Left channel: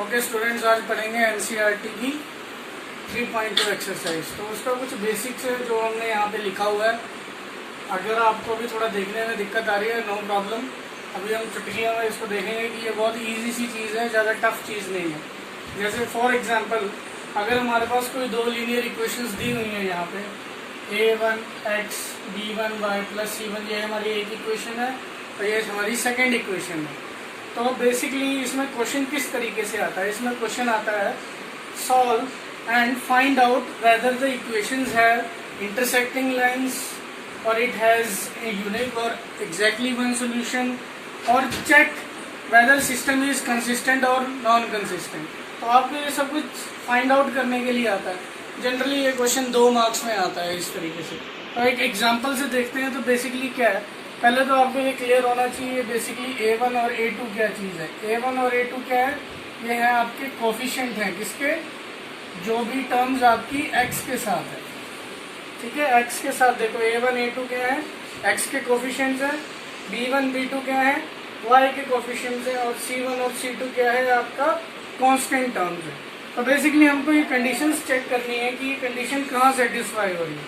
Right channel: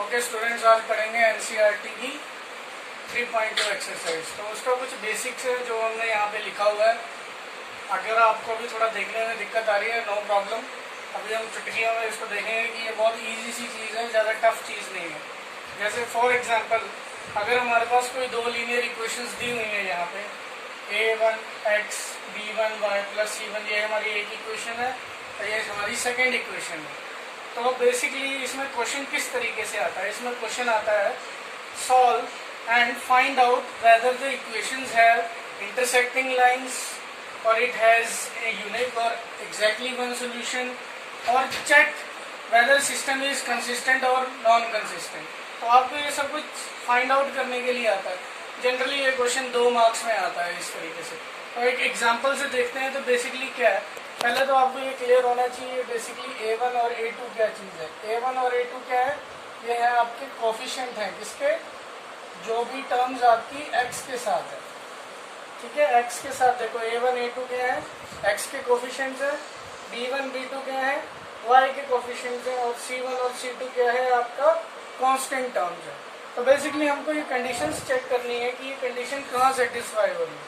Okay students, आज पढ़ेंगे NCERT की 3.2 एक्सरसाइज। तो उसका कुछ बेसिक्स है जो हमने यहाँ पे लिखा हुआ है। अगर आपको भी थोड़ा देखने में दिक्कत आ रही है, नो प्रॉब्लम। अभी हम चुटकियों में इसको देखेंगे कि ये बहुत इजी सी चीज़ है, ज़्यादा टफ चीज़ नहीं है। जैसे फॉर एग्जांपल, अगर हमारे पास कोई दो लीनियर इक्वेशंस दी हुई है यहाँ पे a1x b1y + c1, ये हमारी एक इक्वेशन है और ये हमारी सेकेंड इक्वेशन है। तो बेसिकली इसमें क्वेश्चन किस तरीके से आता है? इसमें क्वेश्चन आता है solve and find out whether the equations have intersecting lines और इट हैज ए यूनिक और एग्जैक्टली वन सॉल्यूशन, और check whether system is consistent और नॉन कंसिस्टेंट। तो आपको ये सब कुछ फाइंड आउट करने के लिए आता है। जनरली ये क्वेश्चन 2 मार्क्स में आता है इस तरीके से। तो एक एग्जांपल से देखते हैं। तो बेसिकली क्या है, पहले तो आपको ये क्लियर होना चाहिए बेसिकली a1 और a2 क्या चीज़ है। a1 और a2 क्या है? ये है आपके कोफिशिएंट हैं, किसके? जो भी टर्म्स आपकी x के साथ है, ठीक है। x के साथ देखो a1 a2 क्या है? x के कोफिशिएंट्स है। b1 b2 क्या है? y के कोफिशिएंट्स है। और c1 और c2 क्या है? आपका कांस्टेंट टर्म्स है। तो बेसिकली हमको ये कंडीशंस चेक करनी है कि ये कंडीशन कहाँ सेटिस्फाई हो रही है।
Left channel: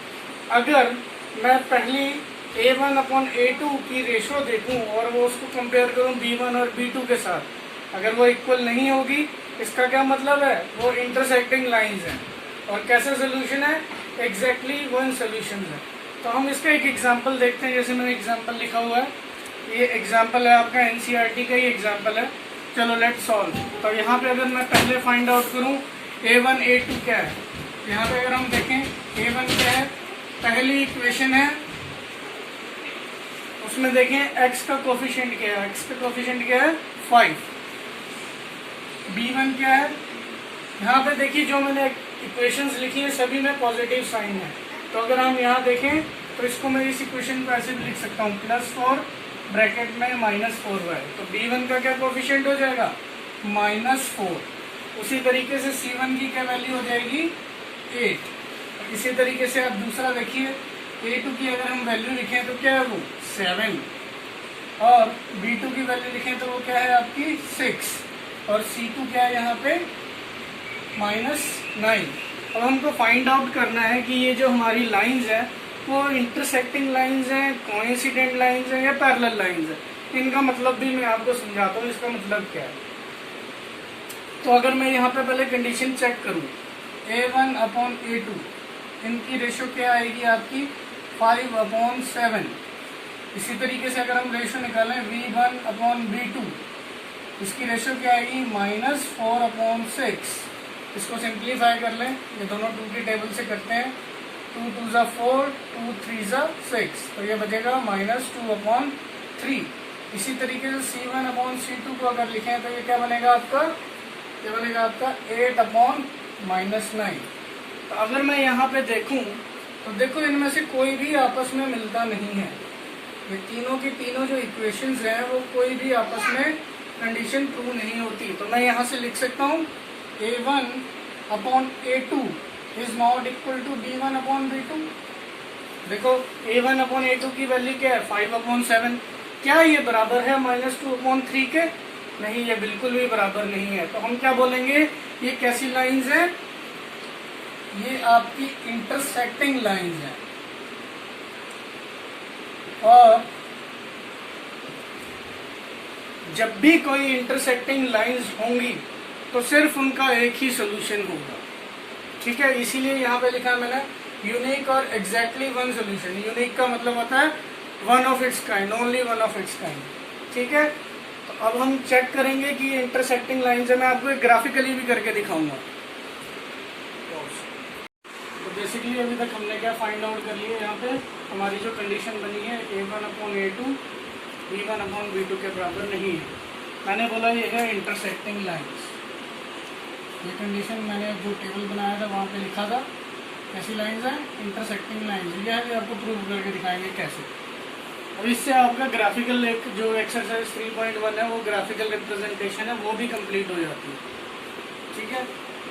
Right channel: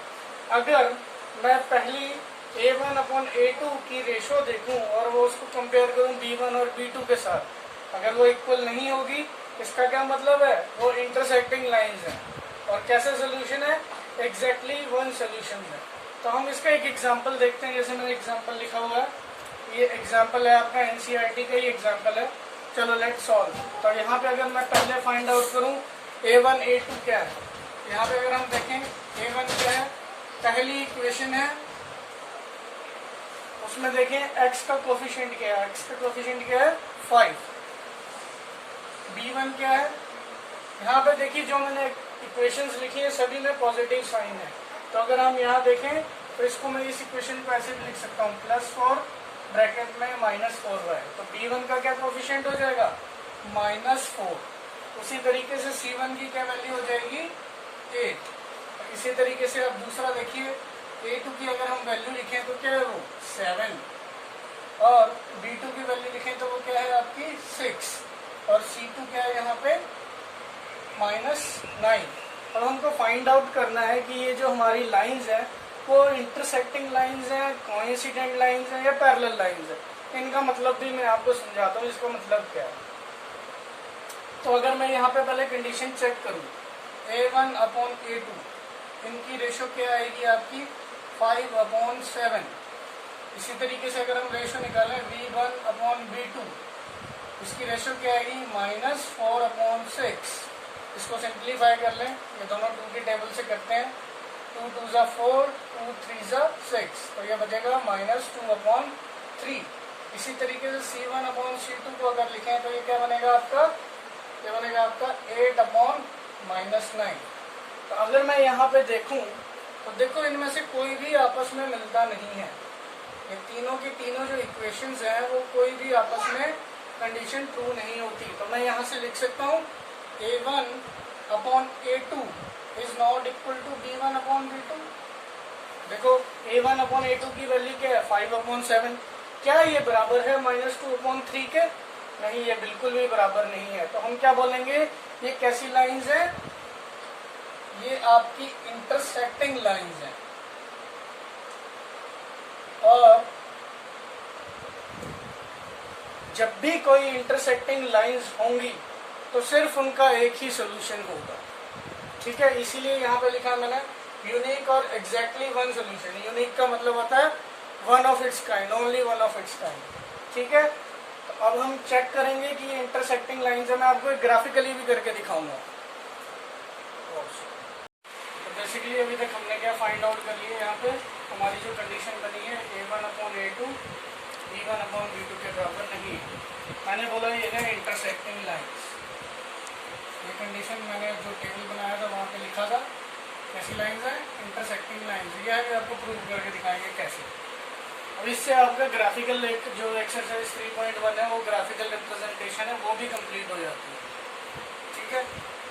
अगर मैं पहली a1/a2 की रेशो देखूं और वो उसको कंपेयर करूं b1 और b2 के साथ, अगर वो इक्वल नहीं होगी, इसका क्या मतलब है? वो इंटरसेक्टिंग लाइंस हैं। और कैसा सोल्यूशन है? एग्जैक्टली वन सोल्यूशन है। तो हम इसका एक एग्जांपल देखते हैं। जैसे मैंने एग्जांपल लिखा हुआ है, ये एग्जांपल है आपका एनसीईआरटी का ही एग्जांपल है। चलो लेट सॉल्व। तो यहाँ पे अगर मैं पहले फाइंड आउट करूँ a1 a2 क्या है, यहाँ पे अगर हम देखें a1 क्या है, पहली इक्वेशन है, उसमें देखें x का कोफिशिएंट क्या है। x का कोफिशिएंट क्या है? 5। b1 क्या है? यहाँ पे देखिए जो मैंने इक्वेशंस लिखी है सभी में पॉजिटिव साइन है। तो अगर हम यहाँ देखें तो इसको मैं इस इक्वेशन को ऐसे भी लिख सकता हूँ +4 ब्रैकेट में -4y। तो b1 का क्या कोफिशिएंट हो जाएगा? -4। उसी तरीके से c1 की क्या वैल्यू हो जाएगी? 8। इसी तरीके से आप दूसरा देखिए a2 की अगर हम वैल्यू लिखें तो क्या है वो? 7। और b2 की वैल्यू लिखें तो वो क्या है आपकी? 6। और c2 क्या है यहाँ पे? -9। अब हमको फाइंड आउट करना है कि ये जो हमारी लाइंस है वो इंटरसेक्टिंग लाइंस हैं, कोइंसिडेंट लाइंस हैं या पैरेलल लाइंस हैं। इनका मतलब भी मैं आपको समझाता हूँ, इसका मतलब क्या है। तो अगर मैं यहाँ पे पहले कंडीशन चेक करूँ a1/a2, इनकी रेशो क्या आएगी आपकी? 5/7। इसी तरीके से अगर हम रेशो निकालें v1/v2, इसकी रेशो क्या आएगी? -4/6। इसको सिंप्लीफाई कर लें, ये दोनों 2 की टेबल से करते हैं। 2 2 ज़ा 4, 2 3 ज़ा 6, तो ये बचेगा -2/3। इसी तरीके से c1/c2 को अगर लिखें तो ये क्या बनेगा आपका? ये बनेगा आपका 8/-9। तो अगर मैं यहाँ पे देखूँ तो देखो इनमें से कोई भी आपस में मिलता नहीं है। ये तीनों की तीनों जो इक्वेशंस हैं वो कोई भी आपस में कंडीशन ट्रू नहीं होती। तो मैं यहाँ से लिख सकता हूँ a1/a2 is not equal to b1/b2। देखो a1/a2 की वैल्यू क्या है? 5/7। क्या ये बराबर है -2/3 के? नहीं, ये बिल्कुल भी बराबर नहीं है। तो हम क्या बोलेंगे? ये कैसी लाइंस हैं? ये आपकी इंटरसेक्टिंग लाइंस हैं। और जब भी कोई इंटरसेक्टिंग लाइंस होंगी तो सिर्फ उनका एक ही सोल्यूशन होगा, ठीक है। इसीलिए यहाँ पे लिखा मैंने यूनिक और एग्जैक्टली वन सोल्यूशन। यूनिक का मतलब होता है one of its kind, only one of its kind, ठीक है। तो अब हम चेक करेंगे कि इंटरसेक्टिंग लाइंस है। मैं आपको एक ग्राफिकली भी करके दिखाऊंगा। तो बेसिकली अभी तक हमने क्या फाइंड आउट कर लिया? यहाँ पे हमारी जो कंडीशन बनी है a1/a2 b1/b2 के बराबर नहीं है। मैंने बोला ये है इंटरसेक्टिंग लाइंस। ये कंडीशन मैंने जो टेबल बनाया था वहाँ पे लिखा था। कैसी लाइंस हैं? Intersecting lines. यह भी आपको प्रूव करके दिखाएंगे कैसे। अब इससे आपका ग्राफिकल एक जो एक्सरसाइज 3.1 है वो ग्राफिकल रिप्रेजेंटेशन है वो भी कंप्लीट हो जाती है, ठीक है।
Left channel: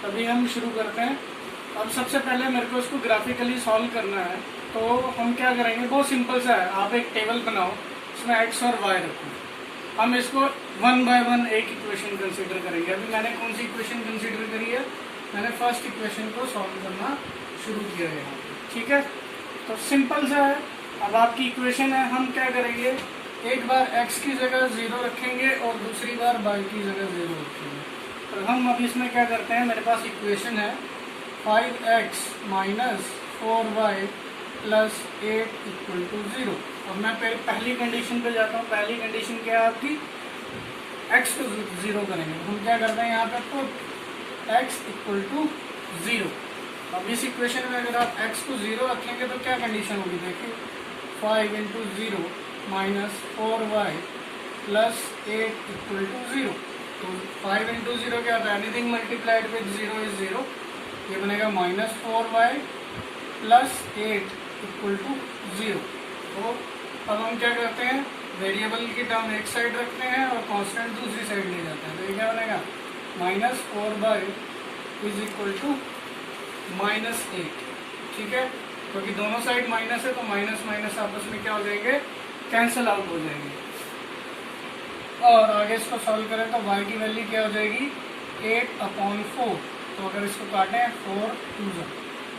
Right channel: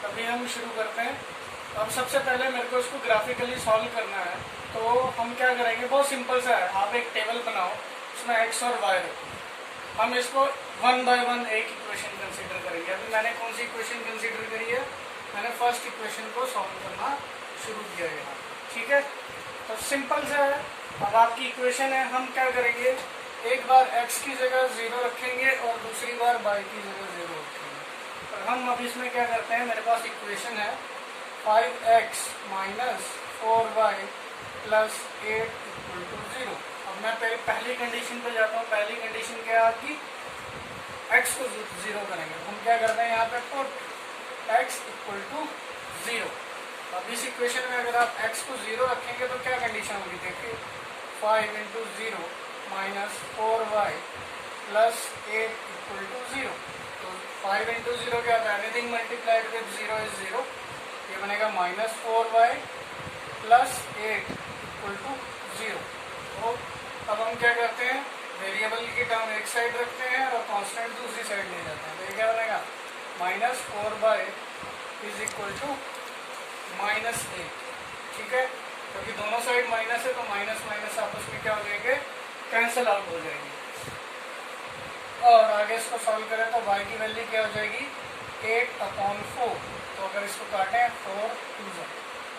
अभी हम शुरू करते हैं। अब सबसे पहले मेरे को इसको ग्राफिकली सॉल्व करना है। तो हम क्या करेंगे? बहुत सिंपल सा है। आप एक टेबल बनाओ, उसमें x और y रखो। हम इसको वन बाय वन एक इक्वेशन कंसीडर करेंगे। अभी मैंने कौन सी इक्वेशन कंसीडर करी है, मैंने फर्स्ट इक्वेशन को सॉल्व करना शुरू किया है यहाँ पे, ठीक है। तो सिंपल से है, अब आपकी इक्वेशन है, हम क्या करेंगे, एक बार x की जगह 0 रखेंगे और दूसरी बार y की जगह 0 रखेंगे। और हम अब इसमें क्या करते हैं, मेरे पास इक्वेशन है 5x minus 4y plus 8 equal to 0। अब मैं पहली कंडीशन पे जाता हूँ। पहली कंडीशन क्या है आपकी, x को 0 करेंगे। हम क्या करते हैं यहाँ पे, पुट x इक्वल टू 0। अब इस इक्वेशन में अगर आप x को 0 रखेंगे तो क्या कंडीशन होगी, देखिए 5 into 0 minus 4y plus 8 equal to 0। तो 5 इंटू 0 क्या होता है, एनीथिंग मल्टीप्लाइड विद 0 इज 0, ये बनेगा minus 4y plus 8 equal to 0। तो अब हम क्या करते हैं, वेरिएबल की टर्म एक साइड रखते हैं और कांस्टेंट दूसरी साइड ले जाते हैं। तो ये क्या बनेगा, minus 4y is equal to minus 8, ठीक है। क्योंकि दोनों साइड माइनस है तो माइनस माइनस आपस में क्या हो जाएंगे, कैंसल आउट हो जाएंगे। और आगे इसको सॉल्व करें तो y की वैल्यू क्या हो जाएगी, 8/4। तो अगर इसको काटें 4 2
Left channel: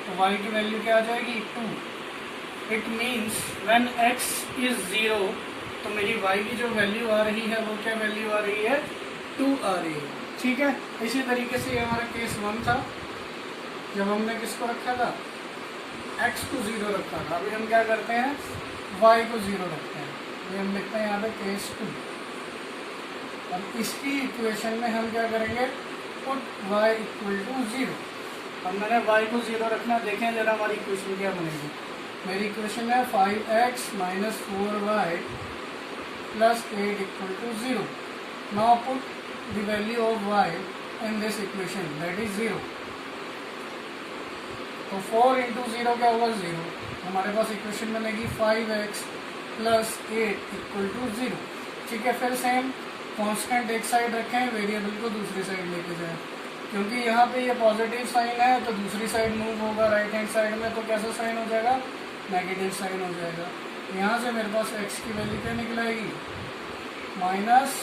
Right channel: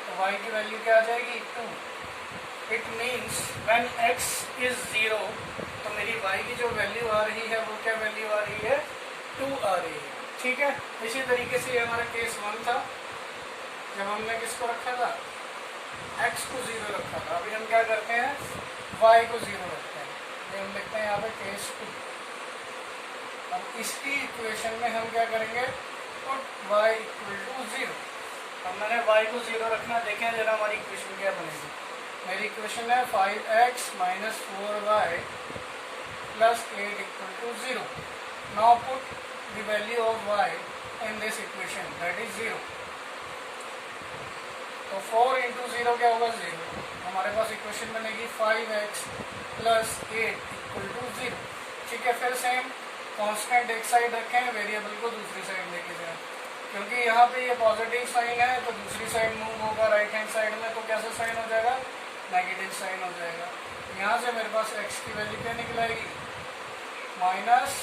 तो y की वैल्यू क्या आ जाएगी, 2। It means when x is 0 तो मेरी y की जो वैल्यू आ रही है वो क्या वैल्यू आ रही है, 2 आ रही है, ठीक है। इसी तरीके से हमारा केस 1 था, जब हमने किसको रखा था, x को 0 रखा था। अभी हम क्या करते हैं, y को 0 रखते हैं। ये हम लिखते हैं यहाँ पे केस 2। अब इसकी इक्वेशन में हम क्या करेंगे, पुट y इक्वल टू 0। अब मैंने y को 0 रखना, देखें जरा हमारी इक्वेशन क्या बनेगी। मेरी इक्वेशन है 5x minus 4y plus 8 equal to 0। Now put the value of y in this equation, that is 0। तो 4 इंटू 0 क्या होगा, 0। हमारे पास इक्वेशन बनेगी 5x प्लस 8 इक्वल टू 0, ठीक है। फिर सेम कांस्टेंट एक साइड रखें, वेरिएबल को दूसरी साइड लेके जाएं। क्योंकि यहाँ पे ये पॉजिटिव साइन है तो दूसरी साइड मूव होगा राइट हैंड साइड में, तो कैसा साइन हो जाएगा, नेगेटिव साइन हो जाएगा। यहाँ से मेरे पास x की वैल्यू क्या निकल आएगी, माइनस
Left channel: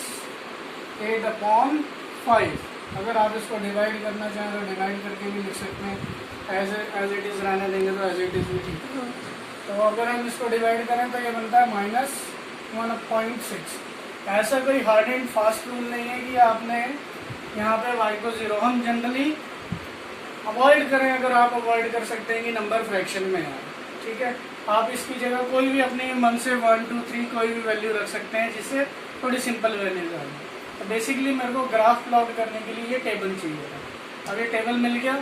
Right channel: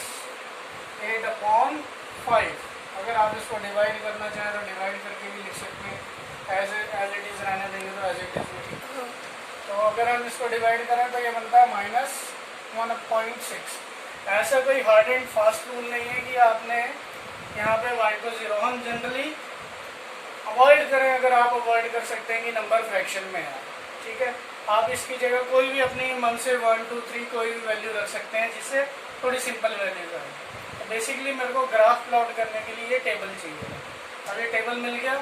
8/5। अगर आप इसको डिवाइड करना चाहें तो डिवाइड करके भी लिख सकते हैं, एज इट इज रहने देंगे तो एज इट इज भी ठीक है। तो अगर हम इसको डिवाइड करें तो ये बनता है माइनस 1/6। ऐसा कोई हार्ड एंड फास्ट रूल नहीं है कि आपने यहाँ पे y को 0, हम जनरली अवॉइड करें, अगर आप अवॉइड कर सकते हैं कि नंबर फ्रैक्शन में है, ठीक है। आप इसकी जगह कोई भी अपने मन से 1 2 3 कोई भी वैल्यू रख सकते हैं, जिससे थोड़ी सिंपल रहने का। तो बेसिकली मेरे को ग्राफ प्लॉट करने के लिए ये टेबल चाहिए था। अब ये टेबल मिल गया।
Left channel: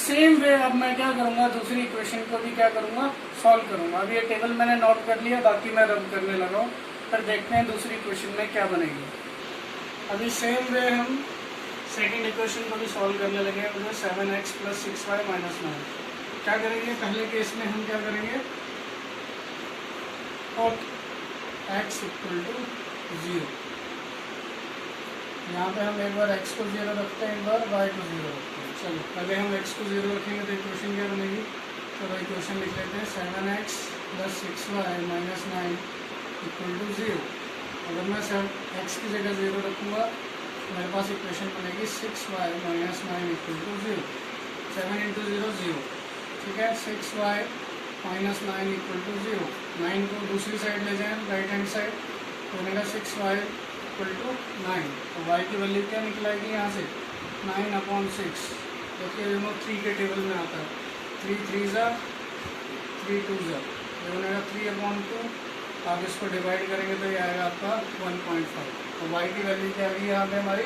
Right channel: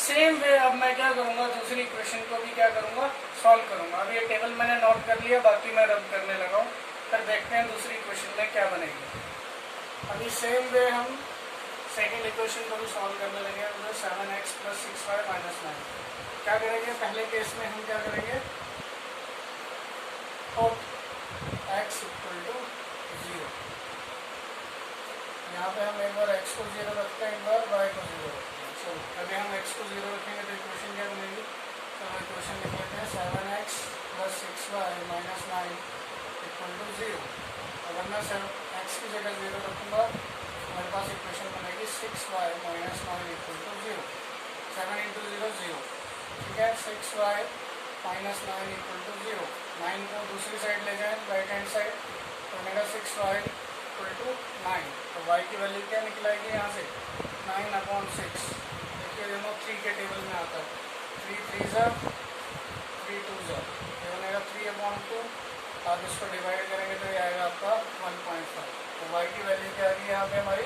सेम वे अब मैं क्या करूँगा, दूसरी इक्वेशन को भी क्या करूँगा, सॉल्व करूँगा। अब ये टेबल मैंने नोट कर लिया, बाकी मैं रब करने लगा हूँ, पर देखते हैं दूसरी इक्वेशन में क्या बनेगी। अभी सेम वे हम सेकेंड इक्वेशन को भी सॉल्व करने लगे, 7x प्लस 6y माइनस 9। क्या करेंगे, पहले केस में हम क्या करेंगे, और x इक्वल टू 0। यहाँ पे हम एक बार x को 0 रखते हैं, एक बार y को 0 रखते हैं। चलो अगर हम x को 0 रखेंगे तो इक्वेशन क्या बनेगी, चलो इक्वेशन लिख लेते हैं 7x plus 6y minus 9 equal to 0। अगर मैं x की जगह 0 रखूँगा मेरे पास इक्वेशन बनेगी 6y minus 9 equal to 0। 7 into 0 0, ठीक है। 6y minus 9 equal to 0। 9 को दूसरी साइड ले जाएं, राइट हैंड साइड, तो मेरा 6y इक्वल टू 9। तो y की वैल्यू क्या निकलेगी यहाँ से, 9/6। देखिए दोनों 3 के टेबल में आता है, 3 3 3 2 ये बनेगा 3/2। आप इसको डिवाइड करेंगे तो ये आएगा आपका 1.5। तो y की वैल्यू क्या आ गई यहाँ पे हमारी,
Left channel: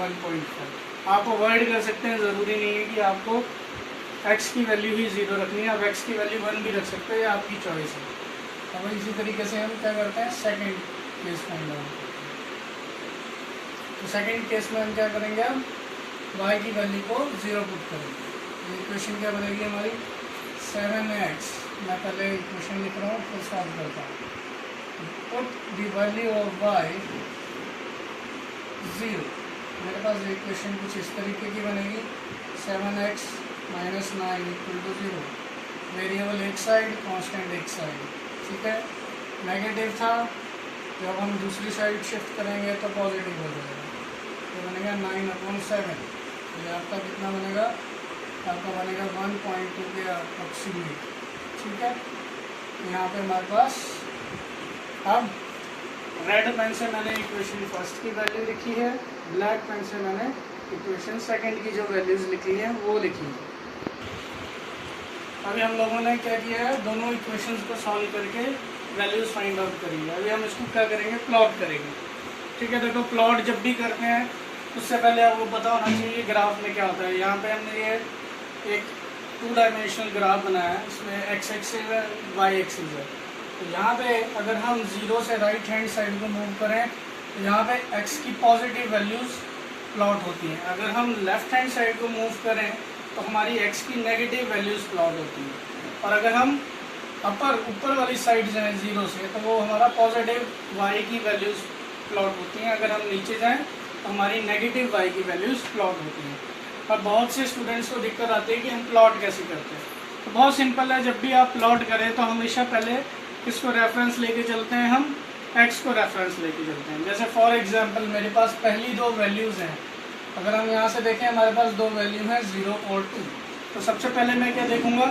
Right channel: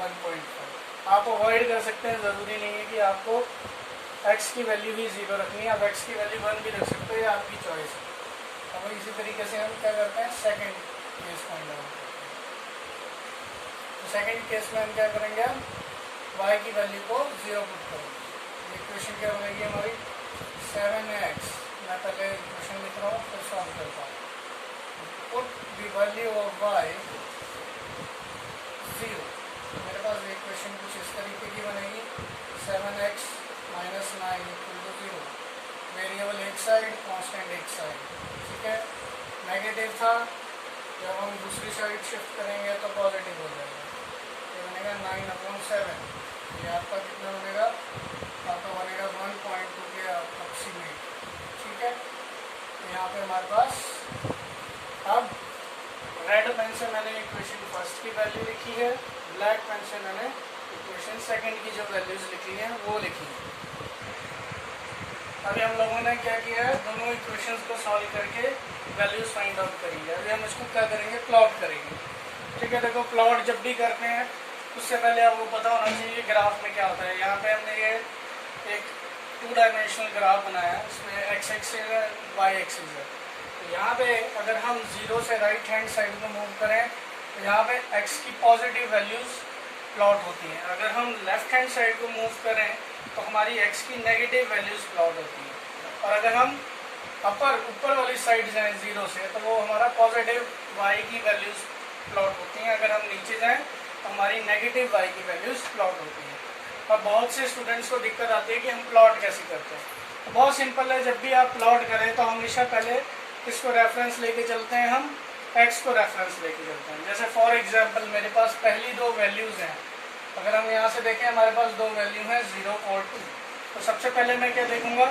1.5। आप अवॉइड कर सकते हैं, ज़रूरी नहीं है कि आपको x की वैल्यू ही 0 रखनी है, आप x की वैल्यू 1 भी रख सकते हो, ये आपकी चॉइस है। अब इसी तरीके से हम क्या करते हैं, सेकंड केस फाइंड आउट करते हैं। तो सेकंड केस में हम क्या करेंगे, हम y की वैल्यू को 0 पुट करेंगे। इक्वेशन क्या बनेगी हमारी, 7x, मैं पहले इक्वेशन लिख रहा हूँ फिर सॉल्व करता हूँ। Put the value of y 0। मेरे पास इक्वेशन कुछ इस तरीके की बनेगी, 7x minus 9 equal to 0। Variable एक साइड, कांस्टेंट एक साइड, ठीक है। नेगेटिव था जब हम दूसरी साइड शिफ्ट करेंगे तो पॉजिटिव हो जाएगा। ये बनेगा 9/7। ये आपका कितना बनेगा, आपका बनेगा 1.2 के अप्रोक्सीमेट। ठीक है, यहाँ पे हमारे पास अब रेड पेन से मैंने इक्वेशन फर्स्ट की वैल्यू लिखी है, ब्लैक पेन से मैंने इक्वेशन सेकंड की जो वैल्यूज लिखी हैं वो लिखी है। अभी हम लोगों ने क्या किया है, दोनों इक्वेशंस को सॉल्व करके वैल्यूज फाइंड आउट करेंगे। अभी हम इसको क्या करेंगे, प्लॉट करेंगे। ठीक है, देखो प्लॉट जब भी करते हैं उससे पहले आपको पता होना चाहिए ग्राफ में क्या होता है। यहाँ पे हमने ये एक 2 डायमेंशनल ग्राफ बनाया है, इसमें एक्स एक्सिस है, वाई एक्सिस है। तो यहाँ पे अगर हम 0 से राइट हैंड साइड को मूव करें तो यहाँ पे x की पॉजिटिव वैल्यूज प्लॉट होती हैं। अगर हम लेफ्ट हैंड साइड को मूव करें तो हमारी x की नेगेटिव वैल्यूज प्लॉट होती हैं। और अगर हम ऊपर वाली साइड जाएं 0 से तो वो हमारा पॉजिटिव y की वैल्यूज प्लॉट होती हैं। अगर हम नीचे जाएं तो हमारी नेगेटिव y की वैल्यूज प्लॉट होती हैं। और बहुत से स्टूडेंट्स को दिक्कत आती है कि हम प्लॉट कैसे करते हैं। तो बहुत सिंपल है, जब भी आप प्लॉट करें तो हमेशा पहले किसको रेफरेंस लेके चलते हैं, हम x को रेफरेंस लेके चलते हैं। जैसे फॉर एग्जांपल मेरे पास पहली 2 वैल्यूज हैं, अगर हम यहाँ से देखें हमारे पास 2 वैल्यू हैं 0 और 2। तो सबसे पहले मैं क्या देखूंगा,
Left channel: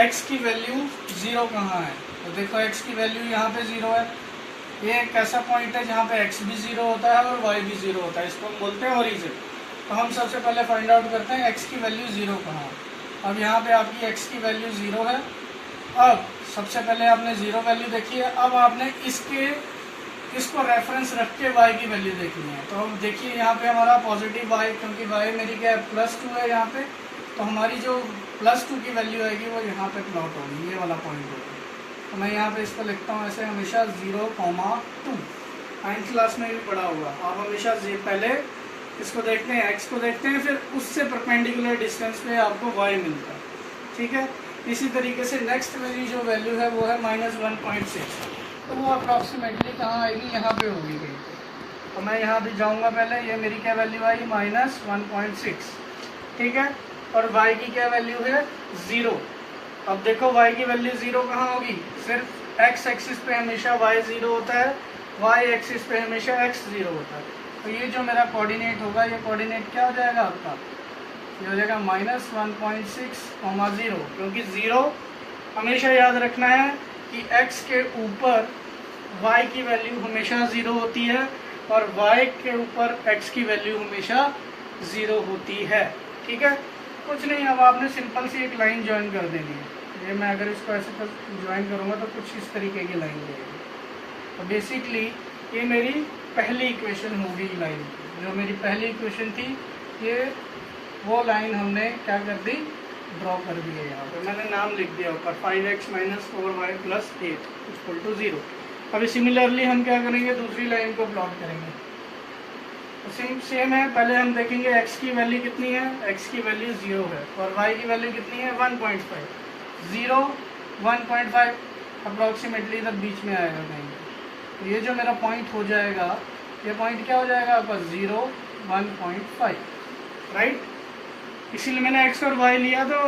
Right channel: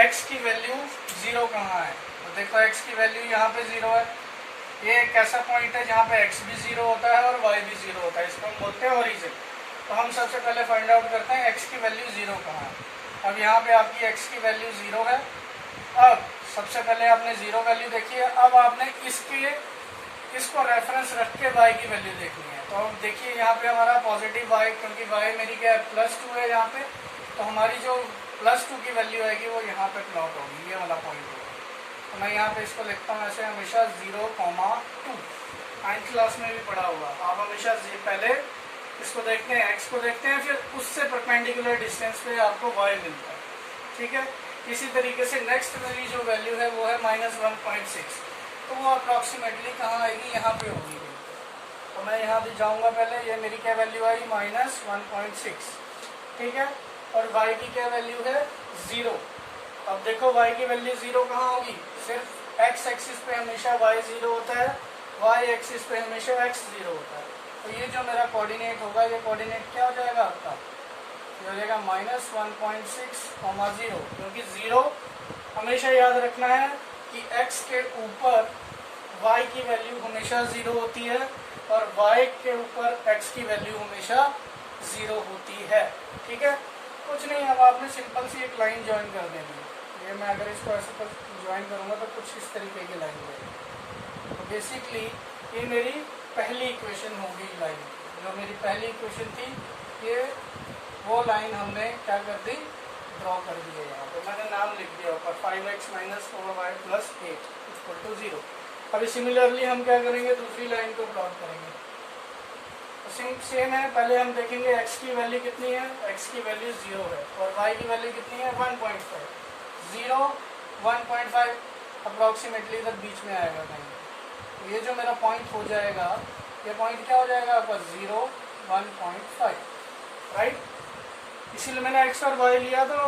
x की वैल्यू 0 कहाँ है। तो देखो x की वैल्यू यहाँ पे 0 है। ये एक ऐसा पॉइंट है जहाँ पे x भी 0 होता है और y भी 0 होता है, इसको हम बोलते हैं ओरिजिन। तो हम सबसे पहले फाइंड आउट करते हैं x की वैल्यू 0 कहाँ है। अब यहाँ पे आपकी x की वैल्यू 0 है। अब सबसे पहले आपने 0 वैल्यू देखी है, अब आपने इसको रेफरेंस रख के y की वैल्यू देखनी है। तो हम देखिए यहाँ पे हमारा पॉजिटिव y, क्योंकि y मेरी क्या है +2 है यहाँ पे, तो हमारी जो +2 की वैल्यू आएगी वो यहाँ पे प्लॉट होगी, ये वाला पॉइंट होगा। तो मैं यहाँ पे इसको लिखता हूँ ऐसे हमेशा 0,2। 9th क्लास में भी पढ़ा हुआ, आप हमेशा पहले इसको देखते हैं, x को देखते हैं, फिर उससे परपेंडिकुलर डिस्टेंस पे आपको y मिलता है। ठीक है, इसी तरीके से नेक्स्ट मेरी जो वैल्यू है वो है -1.6। तो वो अप्रॉक्सीमेटली कहाँ आएगी, यहाँ पे होगी। तो मैं यहाँ भी जाऊँगा पहले, ये मेरी क्या वैल्यू आई -1.6। ठीक है, और y की क्या वैल्यू है 0। अब देखो y की वैल्यू 0 कहाँ होगी, सिर्फ x एक्सिस पे हमेशा y 0 होता है, y एक्सिस पे हमेशा x 0 होता है। तो ये जो मेरा कोऑर्डिनेट होगा, ये कोऑर्डिनेट क्या हो जाएगा आपका, ये हो जाएगा -1.6, 0, क्योंकि 0 हमेशा याद रखना है कि x के ऊपर y की वैल्यू हमेशा 0 होती है और y के ऊपर x की वैल्यू हमेशा 0 होती है। ठीक है, कुछ नहीं, अब आपने सिंपल सी एक लाइन ज्वाइन कर देनी है। ये मैं अगर इसको ऐसे पर ज्वाइन करूँगा तो कुछ इस तरीके की लाइन रहेगी। तो बेसिकली ये मेरी पहली इक्वेशन होगी लाइन, जो मेरी पहली इक्वेशन थी, ये वो लाइन हमने क्या कर दी, ड्रॉ कर दी है। यहाँ पे मैंने नाम लिख दिया ऊपर 5x - 4y + 8 = 0। अभी सिमिलरली हम क्या करेंगे, दूसरी लाइन को प्लॉट करेंगे। तो सेम है, पहले हम देखेंगे x की वैल्यू कितनी है, x की वैल्यू 0 है और y की वैल्यू कितनी है 1.5। 0 1.5 अप्रॉक्सीमेटली इधर बीच में आएगा कहीं। तो ये जो मेरा पॉइंट हो जाएगा, ये पॉइंट क्या हो जाएगा आपका 0 1.5, राइट। इसीलिए मैंने x और y लिया। तो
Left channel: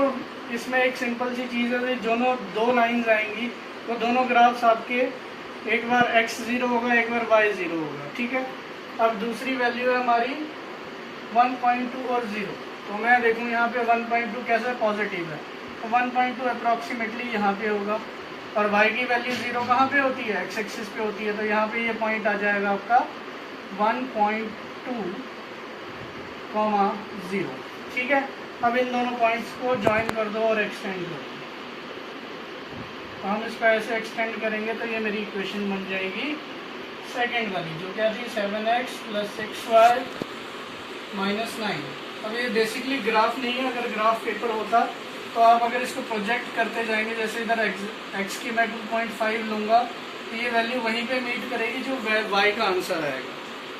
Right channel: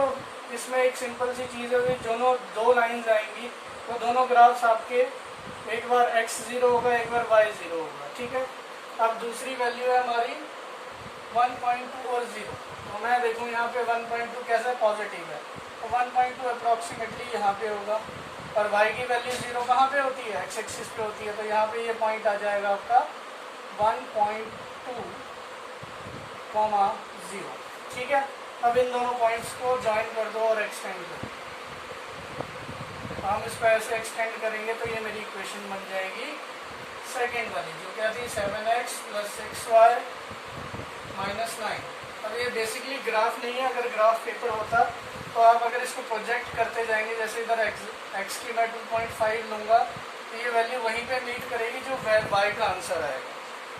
इसमें एक सिंपल सी चीज़ है, दोनों 2 लाइंस आएंगी तो दोनों ग्राफ्स आपके एक बार x 0 होगा, एक बार y 0 होगा। ठीक है, अब दूसरी वैल्यू है हमारी 1.2 और 0। तो मैं देखूँ यहाँ पे 1.2 कैसा पॉजिटिव है, तो 1.2 अप्रॉक्सीमेटली यहाँ पे होगा। और y की वैल्यू 0 कहाँ पे होती है, x एक्सिस पे होती है। तो यहाँ पे ये पॉइंट आ जाएगा आपका 1.2, 0। ठीक है, अब इन दोनों पॉइंट्स को ज्वाइन कर दो और एक्सटेंड कर दो। तो हम इसको ऐसे एक्सटेंड करेंगे तो ये मेरी इक्वेशन बन जाएगी सेकेंड वाली, जो क्या थी 7x + 6y - 9। अब ये बेसिकली ग्राफ नहीं है, अगर ग्राफ पेपर होता तो आप अगर इसको प्रोजेक्ट करते जाएंगे, जैसे इधर x की मैं 2.5 लूँगा तो ये वैल्यू वहीं पे मीट करेगी जो y का आंसर आएगा।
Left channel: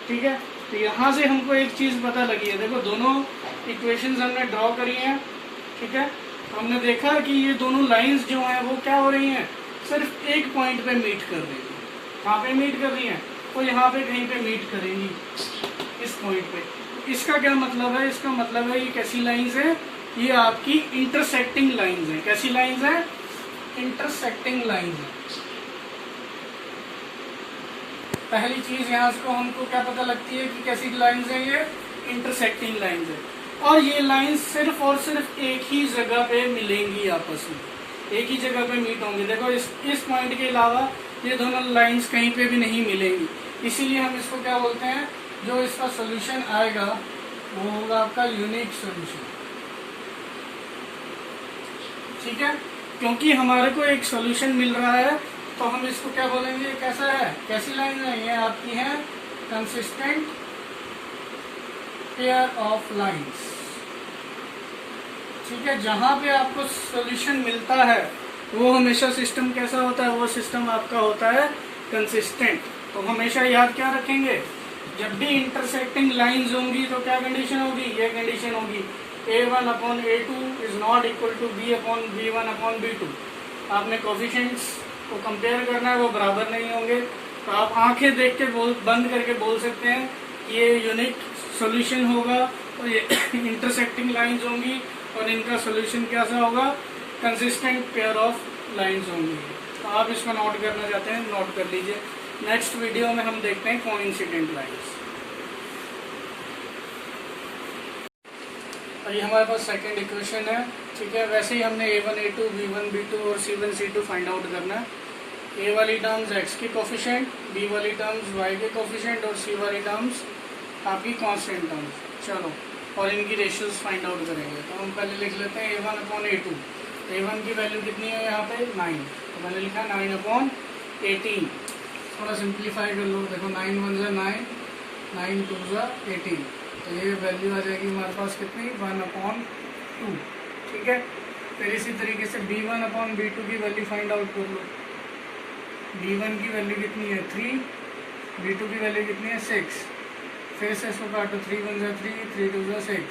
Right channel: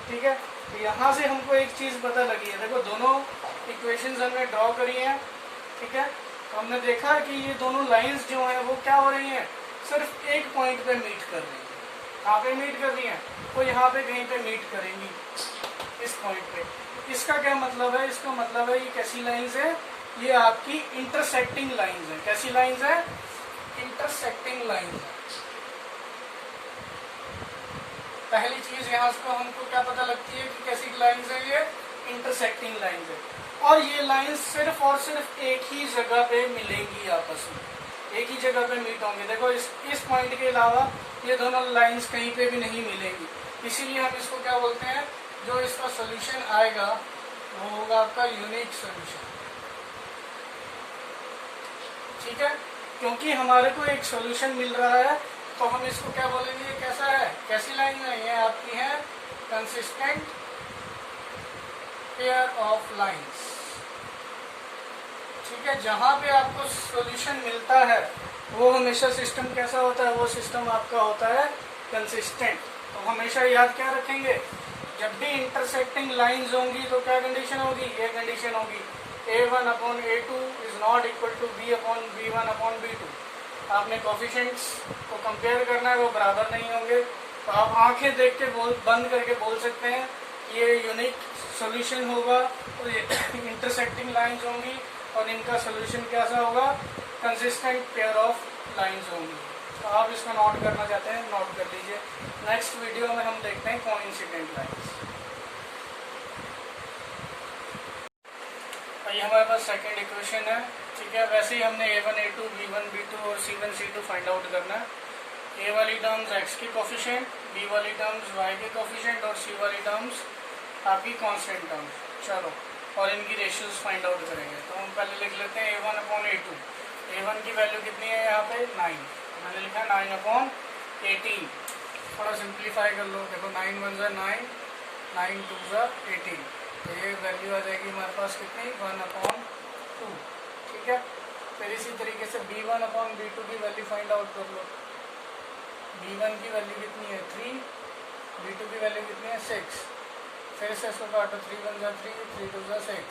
ठीक है, तो यहाँ से हमको एक चीज़ पता लगी है, देखो दोनों इक्वेशंस हमने ड्रॉ करी हैं। ठीक है, तो हमने देखा कि ये दोनों लाइंस जो हैं वो क्या हो रही हैं, सिर्फ एक पॉइंट पे मीट कर रही हैं। कहाँ पे मीट कर रही हैं, तो यहाँ पे कहीं पे मीट करेंगी, इस पॉइंट पे। तो इसका क्या मतलब है, इसका मतलब है ये कैसी लाइंस है, ये आपकी इंटरसेक्टिंग लाइंस है। कैसी लाइंस है, इंटरसेक्टिंग लाइंस है। पहली चीज यहाँ को हमको क्या पता लगती है कि कैसी लाइंस है, ये इंटरसेक्टिंग लाइंस है, और ये लाइंस सिर्फ और सिर्फ एक ही जगह पे मिलेंगी, आपस में एक ही जगह पे मीट होंगी। देखो इस पॉइंट के अलावा ये दोनों लाइंस कहीं पे भी नहीं मिलेंगी, इसीलिए हम इसको क्या बोलते हैं, जो इसका सोल्यूशन आएगा वो होगा आपका यूनिक सोल्यूशन। ठीक है, क्योंकि हमारे को एक सोल्यूशन मिल रहा है तो हम इसको क्या बोलेंगे, कैसा है, कैसी लाइन है, ये आपकी है कंसिस्टेंट पेयर ऑफ लाइंस। ठीक है, जहां पे आपको सॉल्यूशन मिलता है वो हमेशा सिस्टम कैसा होता है, वो सिस्टम आपका होता है कंसिस्टेंट। तो हमेशा याद क्या रखेंगे, जब भी इंटरसेक्टिंग लाइंस होंगी तो क्या कंडीशन होगी, ये कंडीशन होगी A1/A2 is not equal to B/B1/B2। आपने कोफिशिएंट्स को कंपेयर करना है, वो बराबर नहीं होंगे, तो आप आंखें देख के बंद करके बोल सकते हैं कि ये यूनिक सॉल्यूशन होगा और ये इंटरसेक्टिंग लाइंस होंगी और इनका सॉल्यूशन कैसा होगा, कंसिस्टेंट पेयर ऑफ लाइंस होंगी। तो आप इसको नोट करना चाहते हैं, नोट कर लीजिए। नेक्स्ट वीडियो में हम देखते हैं कोइंसिडेंट लाइंस। और ये हमारे पास सेकंड इक्वेशन है। ठीक है, वैसे ही हमने A1 A2 B1 B2 और C1 C2 फाइंड आउट करना है। A वाली टर्म्स x की कोफिशिएंट, B वाली टर्म्स y के कोफिशिएंट और C वाली टर्म्स आपकी कांस्टेंट टर्म्स। चलो, और इनकी रेशियोज फाइंड आउट करेंगे। तो हम पहले लिख लेते हैं A1/A2। A1 की वैल्यू कितनी है यहाँ पे 9, तो मैंने लिखा 9/18। थोड़ा सिंप्लीफाई कर लो, देखो 9 1 जा 9, 9 2 जा 18, तो ये वैल्यू आ जाएगी हमारे पास कितनी 1/2। ठीक है, फिर इसी तरीके से B1/B2 की वैल्यू फाइंड आउट कर लो। B1 की वैल्यू कितनी है 3, B2 की वैल्यू कितनी है 6। फिर से इसको काटो, 3 1 जा 3, 3 2 जा 6,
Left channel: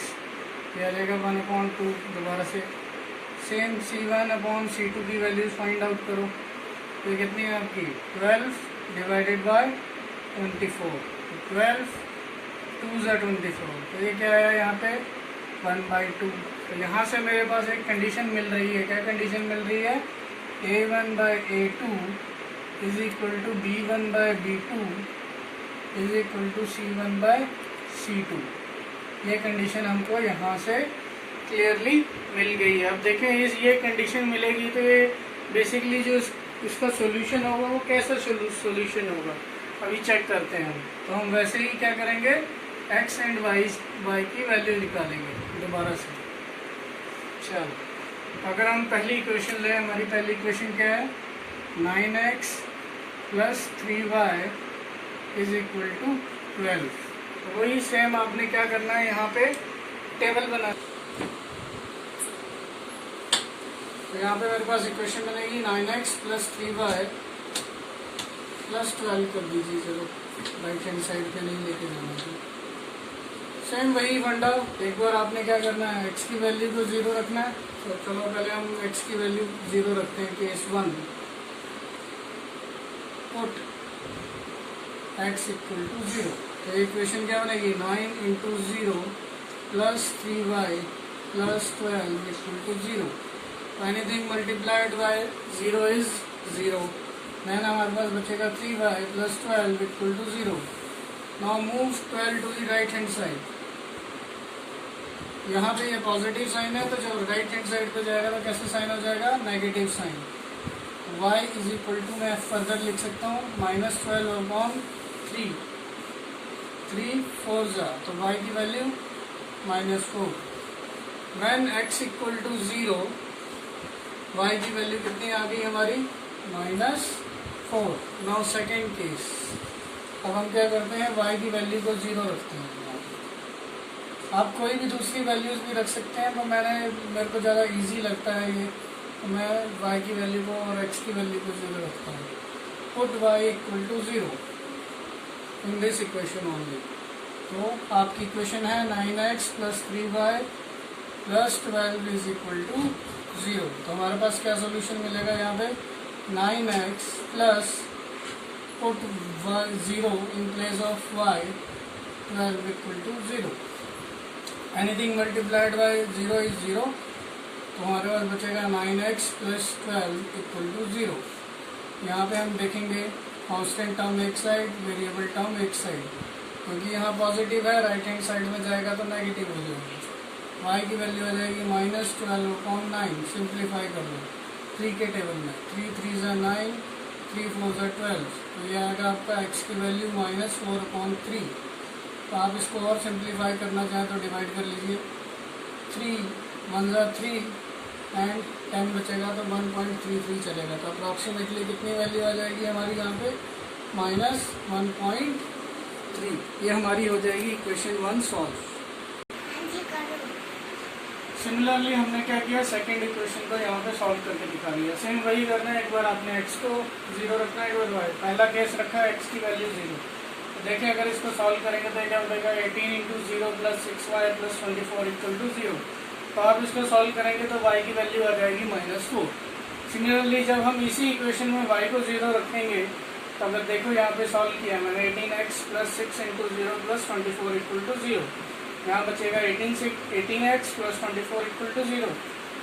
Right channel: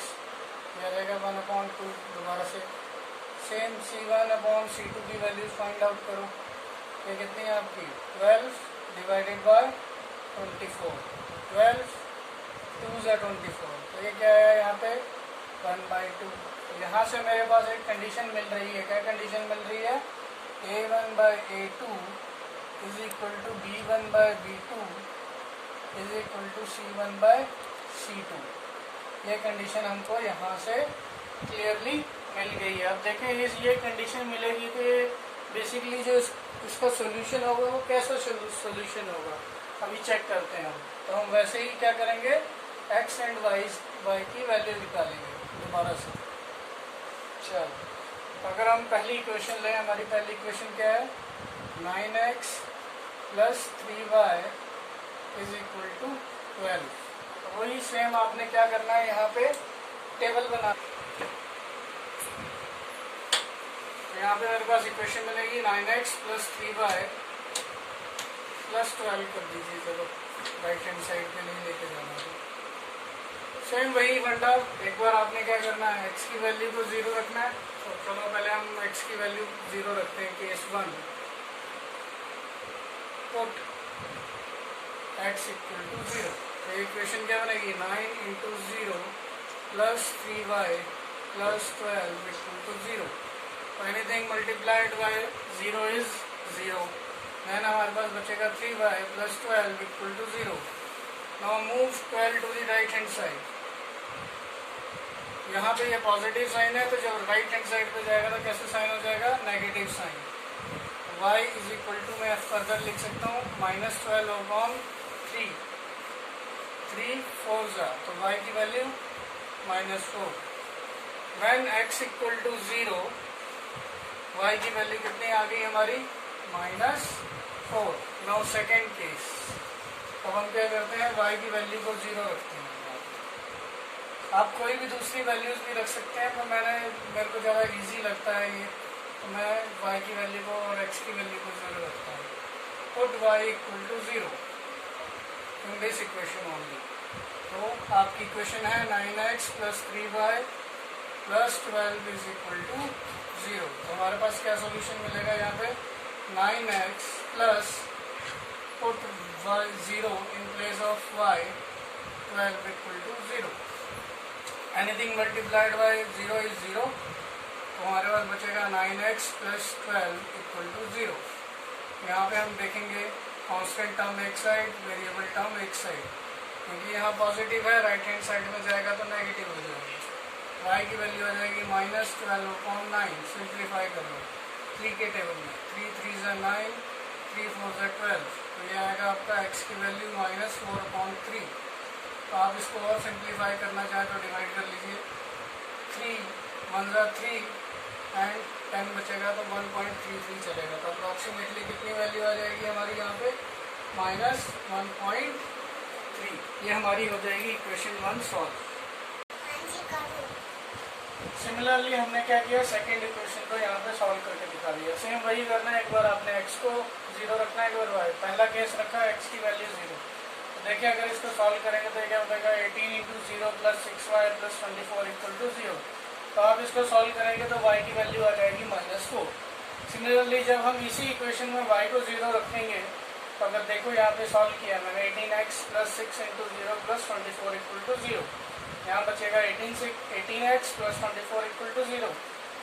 ये आ जाएगा 1/2। दोबारा से सेम C1/C2 की वैल्यू फाइंड आउट करो, ये कितनी है आपकी 12 डिवाइडेड बाय 24, 12 2 जा 24, तो ये क्या है यहाँ पे 1/2। तो यहाँ से मेरे पास एक कंडीशन मिल रही है, क्या कंडीशन मिल रही है, A1/A2 is equal to B1/B2 is equal to C1/C2। ये कंडीशन हमको यहाँ से क्लियरली मिल गई है। अब देखें ये कंडीशन मिलेगी तो ये बेसिकली जो इसका सॉल्यूशन होगा वो कैसा सॉल्यूशन होगा, अभी चेक करते हैं हम। तो हम वैसे ही क्या करेंगे, x एंड y की वैल्यू निकालेंगे दोबारा से। चलो, अगर हम पहली इक्वेशन लें, हमारी पहली इक्वेशन क्या है 9x + 3y is equal to 12। तो वही सेम आपने क्या करना है, यहाँ पे टेबल बना। तो यहाँ पे मेरे पास इक्वेशन बनेगी 9x + 3y + 12 कर दीजिए। चलो, राइट हैंड साइड पे नहीं लेके जाना है, सेम वही फंडा। एक बार आपने क्या करना है, x की वैल्यू को 0 रखना है। तो चलो पहले हम x की वैल्यू 0 रखते हैं, case 1। Put x equal to 0। तो इक्वेशन क्या बनेगी 9 × 0 + 3y + 12 equal to 0। Anything multiplied by 0 is 0। Then हमारे पास बचेगा 3y + 12 equal to 0। Now move 12 to the right hand side. यहाँ पे ये पॉजिटिव साइन है, तो जब राइट हैंड साइड पे जाएगा तो कैसे साइन हो जाएगा, negative sign. y is equal to, मैं फर्दर लिख सकता हूँ -12/3, 3 4 जा, तो y की value -4। When x equal to 0, y की वैल्यू कितनी आ गई हमारी -4। नाउ सेकेंड केस, अब हम क्या करते हैं, y की वैल्यू को 0 रखते हैं। आप कोई भी दूसरी वैल्यूज भी रख सकते हैं, तो मेरे को ज़्यादा इजी लगता है ये, तो मैं y की वैल्यू को और x की वैल्यू को 0 रखता हूँ। Put y equal to 0 in this equation only. तो आपकी इक्वेशन है 9x + 3y + 12 is equal to 0। तो हमारे पास क्या सोल्यूशन मिलेगा यहाँ पे, 9x plus put y 0 in place of y, 12 equal to 0। Anything multiplied by 0 is 0। तो हमारे पास बचेगा 9x + 12 इक्वल टू 0। यहाँ पे हम देखेंगे कांस्टेंट टर्म एक साइड, वेरिएबल टर्म एक साइड, क्योंकि यहाँ पॉजिटिव है, राइट हैंड साइड में जाएगा तो नेगेटिव हो जाएगी। y की वैल्यू आ जाएगी -12/9। सिंप्लीफाई कर लो 3 के टेबल में, 3 3 × 9, 3 4 × 12, तो ये आएगा आपका x की वैल्यू -4/3। तो आप इसको और सिंप्लीफाई करना चाहें तो डिवाइड कर लीजिए, 3 1 × 3 एंड 10 बचेगा तो 1.33 चलेगा। तो अप्रॉक्सीमेटली कितनी वैल्यू आ जाएगी हमारी यहाँ पे -1.3। ये हमारी हो जाएगी इक्वेशन 1 सॉल्व। सिमिलरली हमने क्या किया, सेकंड इक्वेशन को यहाँ पे सॉल्व करके दिखा दिया। सेम वही करना है, एक बार आपने x को 0 रखना है, एक बार y। पहला केस रखा x की वैल्यू 0। तो देखिए अगर इसको सॉल्व करेंगे तो क्या होगा, 18 × 0 + 6y + 24 = 0। तो आप इसको सॉल्व करेंगे तो y की वैल्यू आ जाएगी -4। सिमिलरली जब हम इसी इक्वेशन में y को 0 रखेंगे तो अगर देखो यहाँ पे सॉल्व किया मैंने, 18x + 6 × 0 + 24 = 0। यहाँ बचेगा 18x + 24 = 0।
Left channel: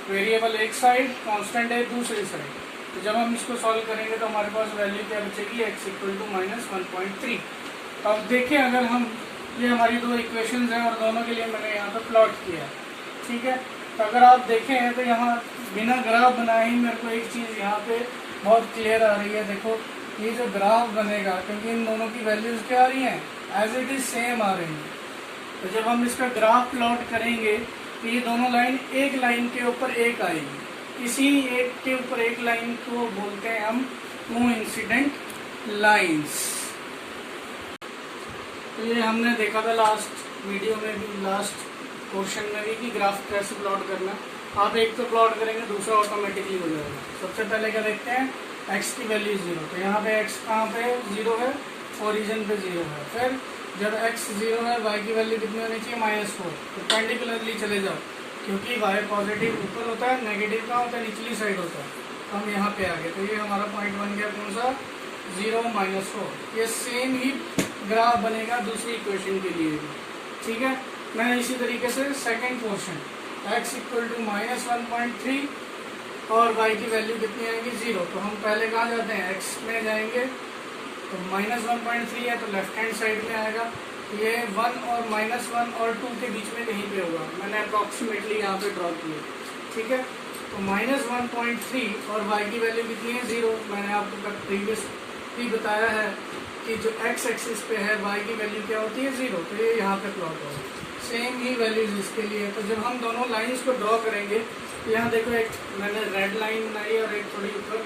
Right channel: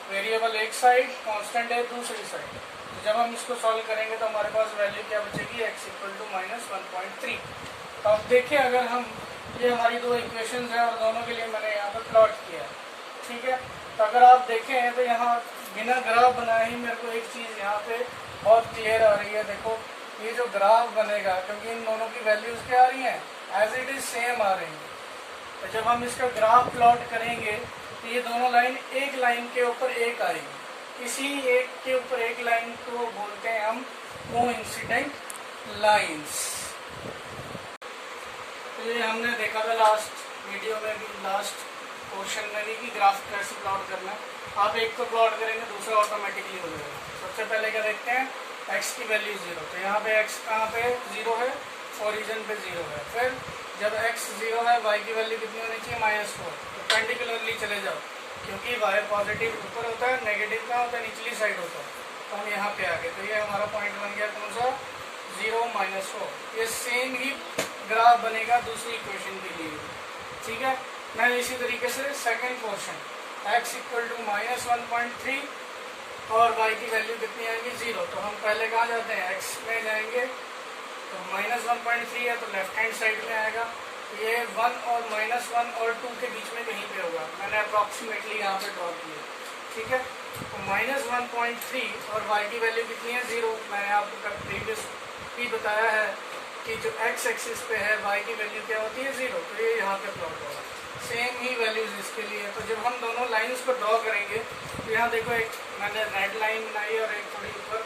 वेरिएबल एक साइड, कांस्टेंट है दूसरी साइड। तो जब हम इसको सॉल्व करेंगे तो हमारे पास वैल्यू क्या बचेगी, x = -1.3। तो अब देखिए अगर हम, ये हमारी दो इक्वेशंस हैं और दोनों के लिए मैंने यहाँ पे प्लॉट किया है, ठीक है। तो अगर आप देखें तो यहाँ बिना ग्राफ बनाए ही मेरे को एक चीज़ यहाँ पे बहुत क्लियर आ रही है। देखो ये जो ग्राफ बनेगा, क्योंकि इन दोनों की वैल्यूज क्या आ रही हैं, एज इट इज सेम आ रही हैं। तो जब हम इसका ग्राफ प्लॉट करेंगे तो ये दोनों लाइन एक लाइन के ऊपर एक आएगी। इसी एक के ऊपर एक लाइन को बोलते हैं हम कोइंसिडेंट लाइंस। तो ये हमने देखा था लास्ट वीडियो में भी, लास्ट पोर्शन में भी, कि ग्राफ कैसे प्लॉट करना। आप एक तो प्लॉट करेंगे, दूसरा ऑटोमेटिकली हो जाएगा। सबसे पहले क्या देखते हैं, x की वैल्यू 0। तो यहाँ पे x कहाँ पे 0 है, ओरिजिन पे 0 है। फिर जब x 0 है, y की वैल्यू कितनी होनी चाहिए, -4। तो पेंडिकुलरली चले जाओ, क्योंकि y पॉजिटिव ऊपर होता है, नेगेटिव कहाँ होता है, निचली साइड होता है। तो हम यहाँ पे आ गए। तो ये हमारा पॉइंट बन गया कौन सा, 0 -4। ये सेम ही ग्राफ बनेगा दूसरी इक्वेशन के लिए, ठीक है। मैं इसी तरीके से सेकंड पोर्शन, x = -1.3 और y की वैल्यू कितनी आएगी, 0। तो हम पहले कहाँ जाते हैं, x में जाएंगे। तो -1.3 है तो लेफ्ट हैंड साइड में आएगा। ये 1 और -1 और 2 के बीच में कहीं पे होगा, मैंने अप्रॉक्सीमेटली यहाँ पे ड्रॉ किया, ठीक है। तो -1.3 और y की वैल्यू कितनी है, 0। मैंने आपको प्रीवियस भी बताया है कि जो x एक्सिस पे है y की वैल्यू क्या होती है, 0। तो ये यहाँ पे प्लॉट होगा, सेम ही वैल्यूज इसके लिए। तो जब हम दोनों लाइंस को ड्रॉ करेंगे तो यहाँ देखो, एक मैंने रेड लाइन बनाई और एक थोड़ी ऊपर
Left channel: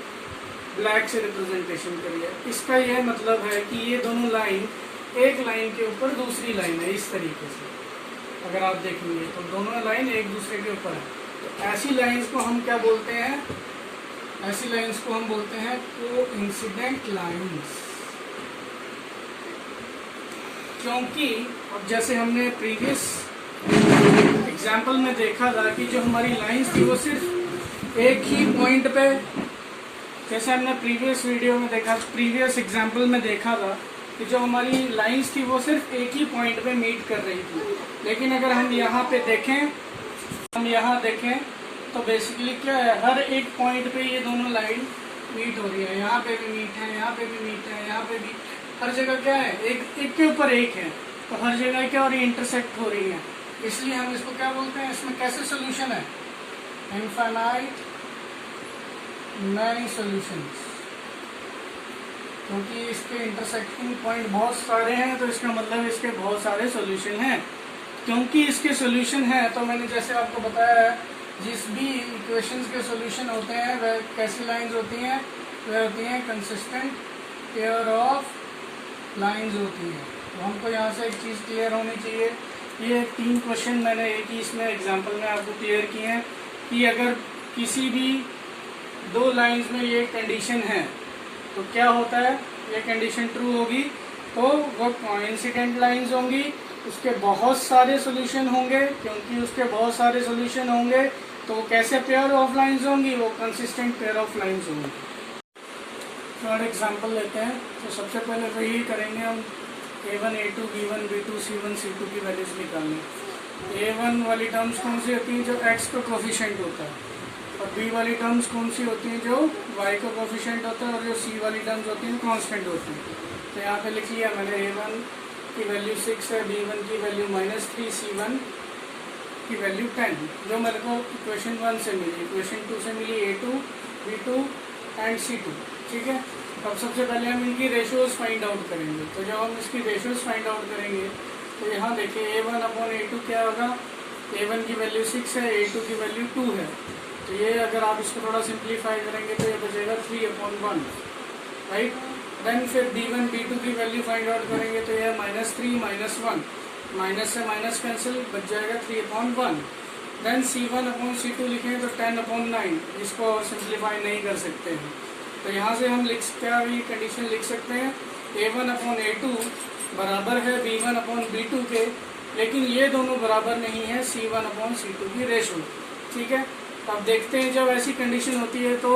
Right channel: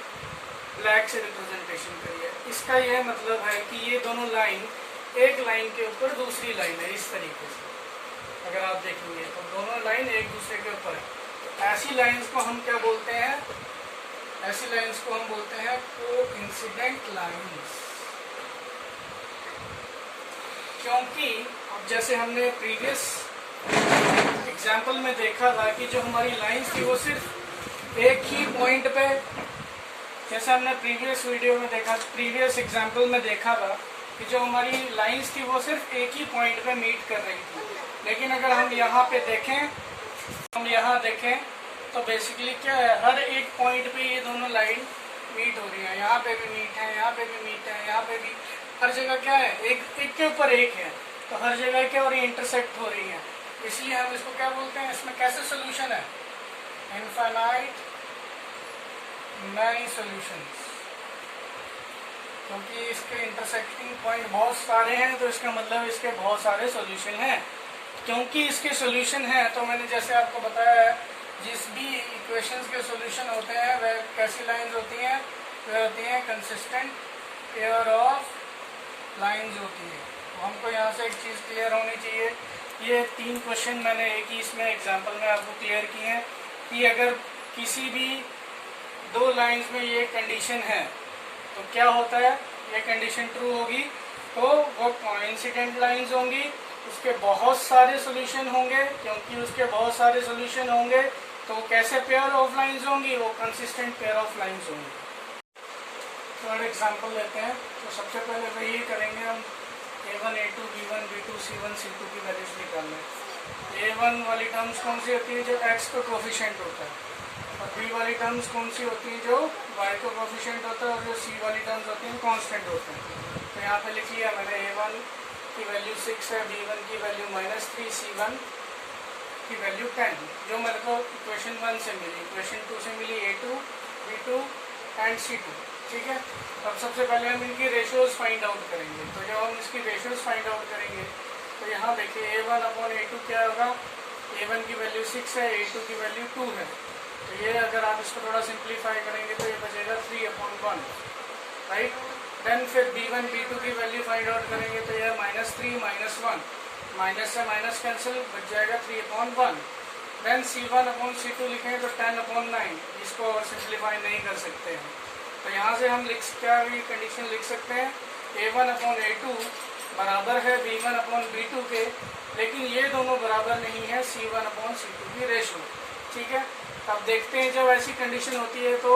ब्लैक से रिप्रेजेंटेशन करी है। इसका यह मतलब है कि ये दोनों लाइन एक लाइन के ऊपर दूसरी लाइन है, इस तरीके से अगर आप देखेंगे तो दोनों लाइन एक दूसरे के ऊपर है। तो ऐसी लाइंस को हम क्या बोलते हैं, ऐसी लाइंस को हम बोलते हैं कोइंसिडेंट लाइंस। क्योंकि अब जैसे हमने प्रीवियस एग्जाम्पल में देखा था कि जो हमारी लाइंस थी वो सिर्फ एक ही पॉइंट पे, जैसे हमने प्रीवियस वीडियो में देखा, प्रीवियस एग्जाम्पल में देखा था कि जो हमारी लाइंस थी वो सिर्फ एक ही पॉइंट पे मीट कर रही थी। लेकिन अगर हम यहाँ पे देखें, हम यहाँ देखें तो बेसिकली क्या है, हर एक पॉइंट पे ये दोनों लाइन मीट हो रही है। यहाँ पे भी मीट है, यहाँ पे भी मीट है, यहाँ पे भी, हर जगह क्या है, एक के ऊपर एक है। तो हर जगह क्या हो रही है, इंटरसेक्ट हो रही है। इसलिए हम इसको क्या बोलते हैं, इसमें कैसे सोल्यूशन है, इनफाइनाइट मैनी सॉल्यूशंस। क्योंकि इसके इंटरसेक्टिंग पॉइंट बहुत सारे हैं, तो इसका मतलब इसके बहुत सारे सॉल्यूशन हैं। क्योंकि इसके सॉल्यूशन हैं, तो मैंने जैसे आपको बताया है, जिस भी इक्वेशंस के सॉल्यूशन होते हैं वह कैसी लाइंस होती हैं, वह होती हैं कंसिस्टेंट पेयर ऑफ लाइंस होती हैं। तो हमको यहाँ से एक चीज़ क्लियर होनी चाहिए, ये 3 क्वेश्चन मैंने एक ही इसमें एग्जाम्पल में आपको क्लियर किए हैं कि अगर किसी भी 2 लाइंस में ये कंडीशन है तो क्या होता है, ये कंडीशन ट्रू होगी तो वो कोइंसिडेंट लाइंस होंगी, उसके बहुत सारे सॉल्यूशन होंगे। क्योंकि उसके बहुत सारे सॉल्यूशन होंगे तो कैसे पेयर ऑफ लाइंस होंगी, वो कंसिस्टेंट पेयर ऑफ लाइंस होंगी। थर्ड एग्जांपल लेते हैं। तो सबसे पहले तो यही करेंगे हम, A1, A2, B1, B2, C1, C2 की वैल्यूज निकालने। A1 वाली टर्म्स कौन सी होती है, जो x का कोफिशिएंट होता है, और बी वाली टर्म्स कौन सी होती हैं, जो वाई का कोफिशिएंट होता है, और जो सी वाली टर्म्स होती हैं कांस्टेंट होती हैं। तो यहाँ पे लिख लिया मैंने a1 की वैल्यू 6 है, b1 की वैल्यू -3, c1 की वैल्यू 10, जो मेरे को इक्वेशन 1 से मिली। इक्वेशन 2 से मिली a2, b2 एंड c2। ठीक है, अब सबसे पहले हम इनकी रेशियोज फाइंड आउट करेंगे। तो जब हम इसकी रेशियोज फाइंड आउट करेंगे तो यहाँ देखिए a1/a2 क्या होगा, a1 की वैल्यू 6 है, a2 की वैल्यू 2 है। तो ये अगर आप इसको थोड़ा सिंप्लीफाई करेंगे तो ये बचेगा 3/1, राइट। देन फिर b1 b2 की वैल्यू फाइंड आउट करेंगे तो ये -3 -1, माइनस से माइनस कैंसिल, बच जाएगा 3/1। देन c1/c2 लिखेंगे तो 10/9, इसको और सिंप्लीफाई नहीं कर सकते हैं। तो यहाँ से हम क्या भी कंडीशन लिख सकते हैं, a1/a2 बराबर है b1/b2 के, लेकिन ये दोनों बराबर नहीं है c1/c2 की रेशो। ठीक है, अब देखते हैं जब ऐसी कंडीशन होती है तो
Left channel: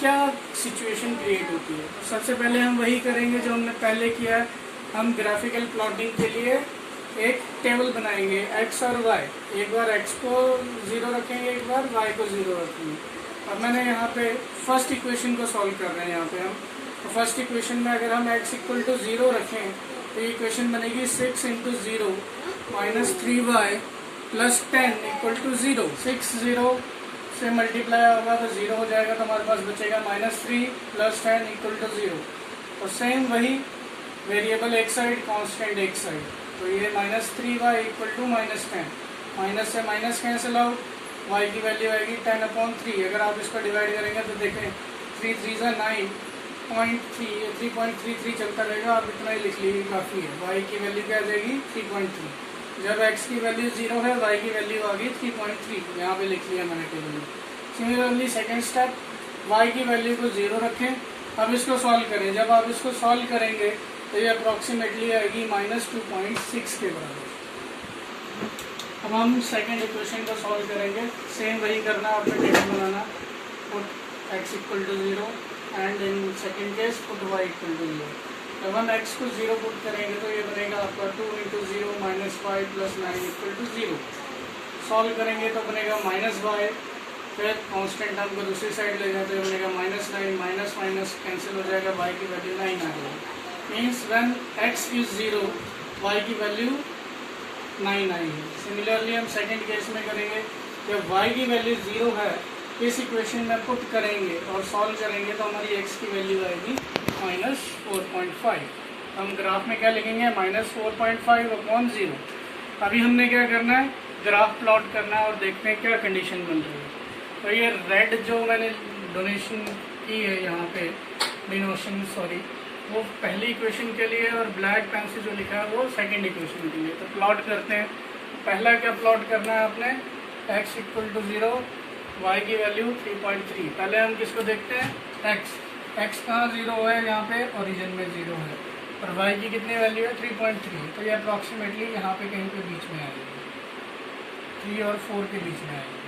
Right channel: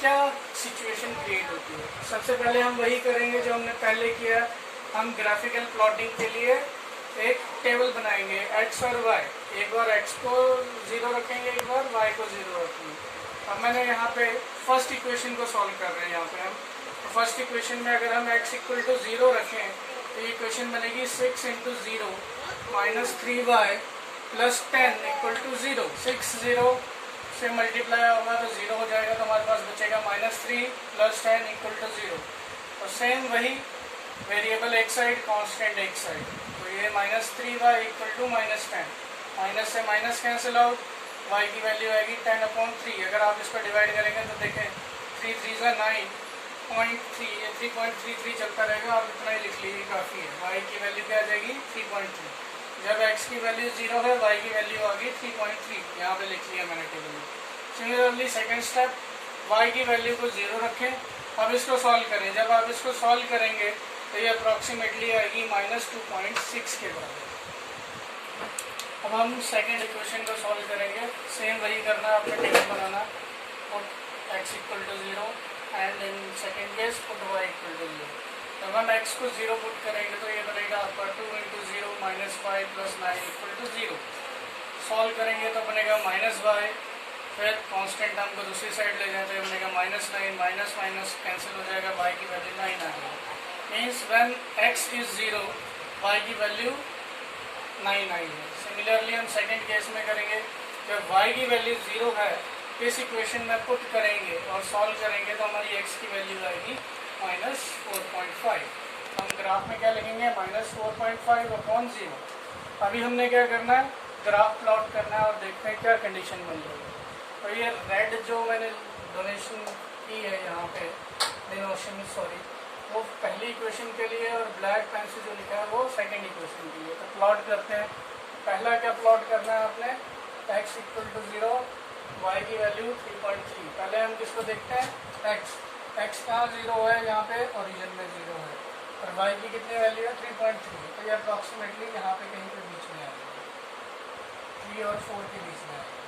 क्या सिचुएशन क्रिएट होती है। सबसे पहले हम वही करेंगे जो हमने पहले किया, हम ग्राफिकल प्लॉटिंग के लिए एक टेबल बनाएंगे x और y। एक बार x को 0 रखेंगे, एक बार y को 0 रखेंगे। अब मैंने यहाँ पे फर्स्ट इक्वेशन को सॉल्व कर रहे हैं। यहाँ पे हम तो फर्स्ट इक्वेशन में अगर हम x = 0 रखें तो ये इक्वेशन बनेगी 6 × 0 -3y + 10 = 0। 6 0 से मल्टीप्लाई होगा तो 0 हो जाएगा, तो हमारे पास बचेगा -3 + 10 = 0। तो सेम वही वेरिएबल एक साइड, कांस्टेंट एक साइड। तो ये -3y = -10, माइनस से माइनस कैंसिल आउट, y की वैल्यू आएगी 10/3। अगर आप इसको डिवाइड करेंगे तो देखें 3 3 × 9.3, ये 3.33 चलता रहेगा। आप इतना ही लिख लीजिए, काफ़ी है। y की वैल्यू क्या आ जाएगी 3.3। जब x की वैल्यू 0 है, y की वैल्यू आ गई 3.3, यहाँ पे लिख लिया मैंने टेबल में। सिमिलरली सेकेंड स्टेप, y की वैल्यू को 0 रखें। अब इसको सॉल्व करें। जब आप इसको सॉल्व करेंगे तो ये अप्रॉक्सीमेटली आएगी -2.6 के बराबर। अब हम सेकेंड इक्वेशन को सॉल्व करेंगे। सेम वही करना, आपने table banana, put x = 0 and in second case put y = 0। जब हम x को 0 पुट करेंगे तो ये बनेगा आपका 2 × 0 -5 + 9 = 0। सॉल्व करेंगे तो बनेगा -y, फिर कांस्टेंट टर्म को दूसरी साइड ले जाते हैं, बनेगा -9, माइनस माइनस कैंसिल हो जाएगा, y की वैल्यू 9 आ जाएगी। मीन्स व्हेन x = 0, y की वैल्यू 9 आई है। सिमिलरली हम सेकेंड केस में करेंगे, जब y की वैल्यू 0 है, इस इक्वेशन में पुट करेंगे और सॉल्व करेंगे तो हमारी x की वैल्यू आएगी -4.5। हम ग्राफ में क्या लिखेंगे, -4.5/0। अभी हमने क्या करना है, ग्राफ प्लॉट करना है और देखते हैं क्या कंडीशन बन रही है। तो ये रेड जो मैंने डोनेशन की है यहाँ पे, डिनोशन सॉरी, वो पहली इक्वेशन के लिए, और ब्लैक पेन से जो लिखा है वो सेकंड इक्वेशन के लिए। तो प्लॉट करते हैं। पहला क्या प्लॉट करना है आपने, x = 0, y की वैल्यू 3.3। पहले हम किसको देखते हैं, x कहाँ 0 है, यहाँ पे ओरिजिन में 0 है, और y की कितनी वैल्यू है 3.3। तो ये अप्रॉक्सीमेटली यहाँ पे कहीं पे बीच में आएगी, 3 और 4 के बीच में आएगी।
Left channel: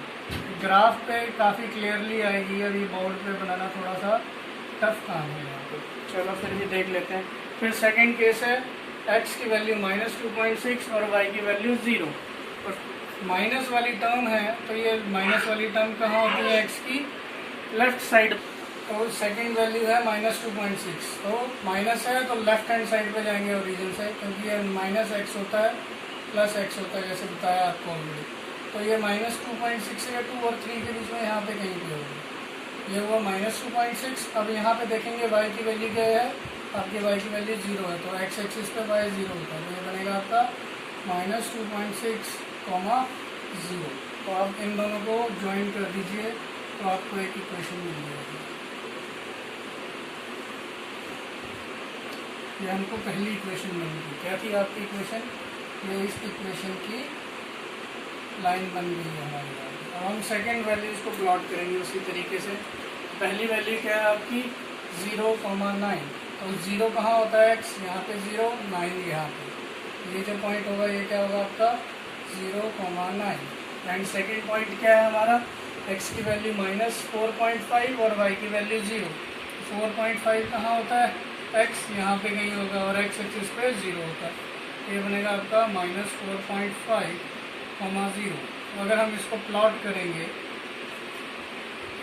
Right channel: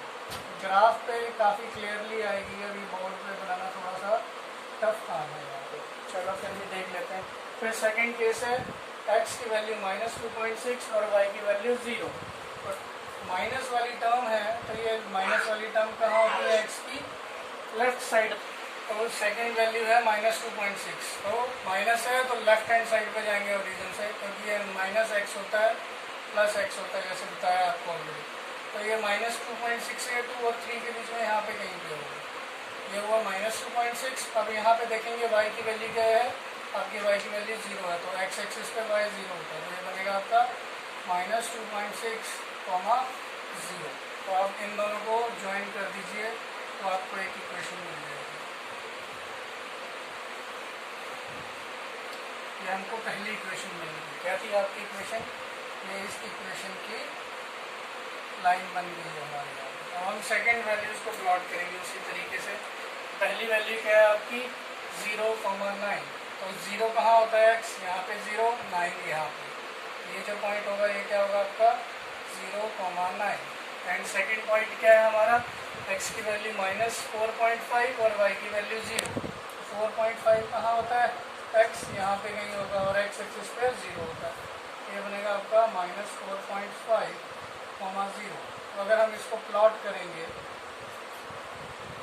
ग्राफ पे काफ़ी क्लियरली आएगी। अभी बोर्ड पे बनाना थोड़ा सा टफ काम है यहाँ पे, चलो फिर भी देख लेते हैं। फिर सेकंड केस है, x की वैल्यू -2.6 और y की वैल्यू 0। और माइनस वाली टर्म है, तो ये माइनस वाली टर्म कहाँ होती है, x की लेफ्ट साइड। तो सेकंड वैल्यू है -2.6, तो माइनस है तो लेफ्ट हैंड साइड पे जाएंगे ओरिजिन से, क्योंकि ये -x होता है +x होता है, जैसे बताया आपको ऑलरेडी। तो ये -2.6 है, 2 और 3 के बीच में यहाँ पे कहीं पे होगा। ये हुआ -2.6। अब यहाँ पे देखेंगे y की वैल्यू क्या है, आपकी y की वैल्यू 0 है, तो x एक्सिस पे y 0 होता है, तो ये बनेगा आपका -2.6, 0। तो आप इन दोनों को ज्वाइन कर दीजिए तो आपको एक इक्वेशन मिल जाएगी। ये हमको पहली इक्वेशन मिली थी। क्या थी आपकी इक्वेशन, ये इस इक्वेशन की लाइन बन गई है हमारे यहाँ। अब हम सेकेंड वैल्यूज को प्लॉट करेंगे उसी तरीके से। पहली वैल्यू क्या है आपकी 0,9। तो 0 कहाँ होता है, x यहाँ पे 0, 9 यहाँ पे। ये जो पॉइंट होगा ये क्या होगा आपका 0,9। एंड सेकेंड पॉइंट क्या है हमारा, x की वैल्यू -4.5 और y की वैल्यू 0। 4.5 कहाँ होता है, x यहाँ पे कहीं होगा, और x एक्सिस पे 0 होता है। ये बनेगा आपका -4.5, 0। तो अगर हम इसको प्लॉट करेंगे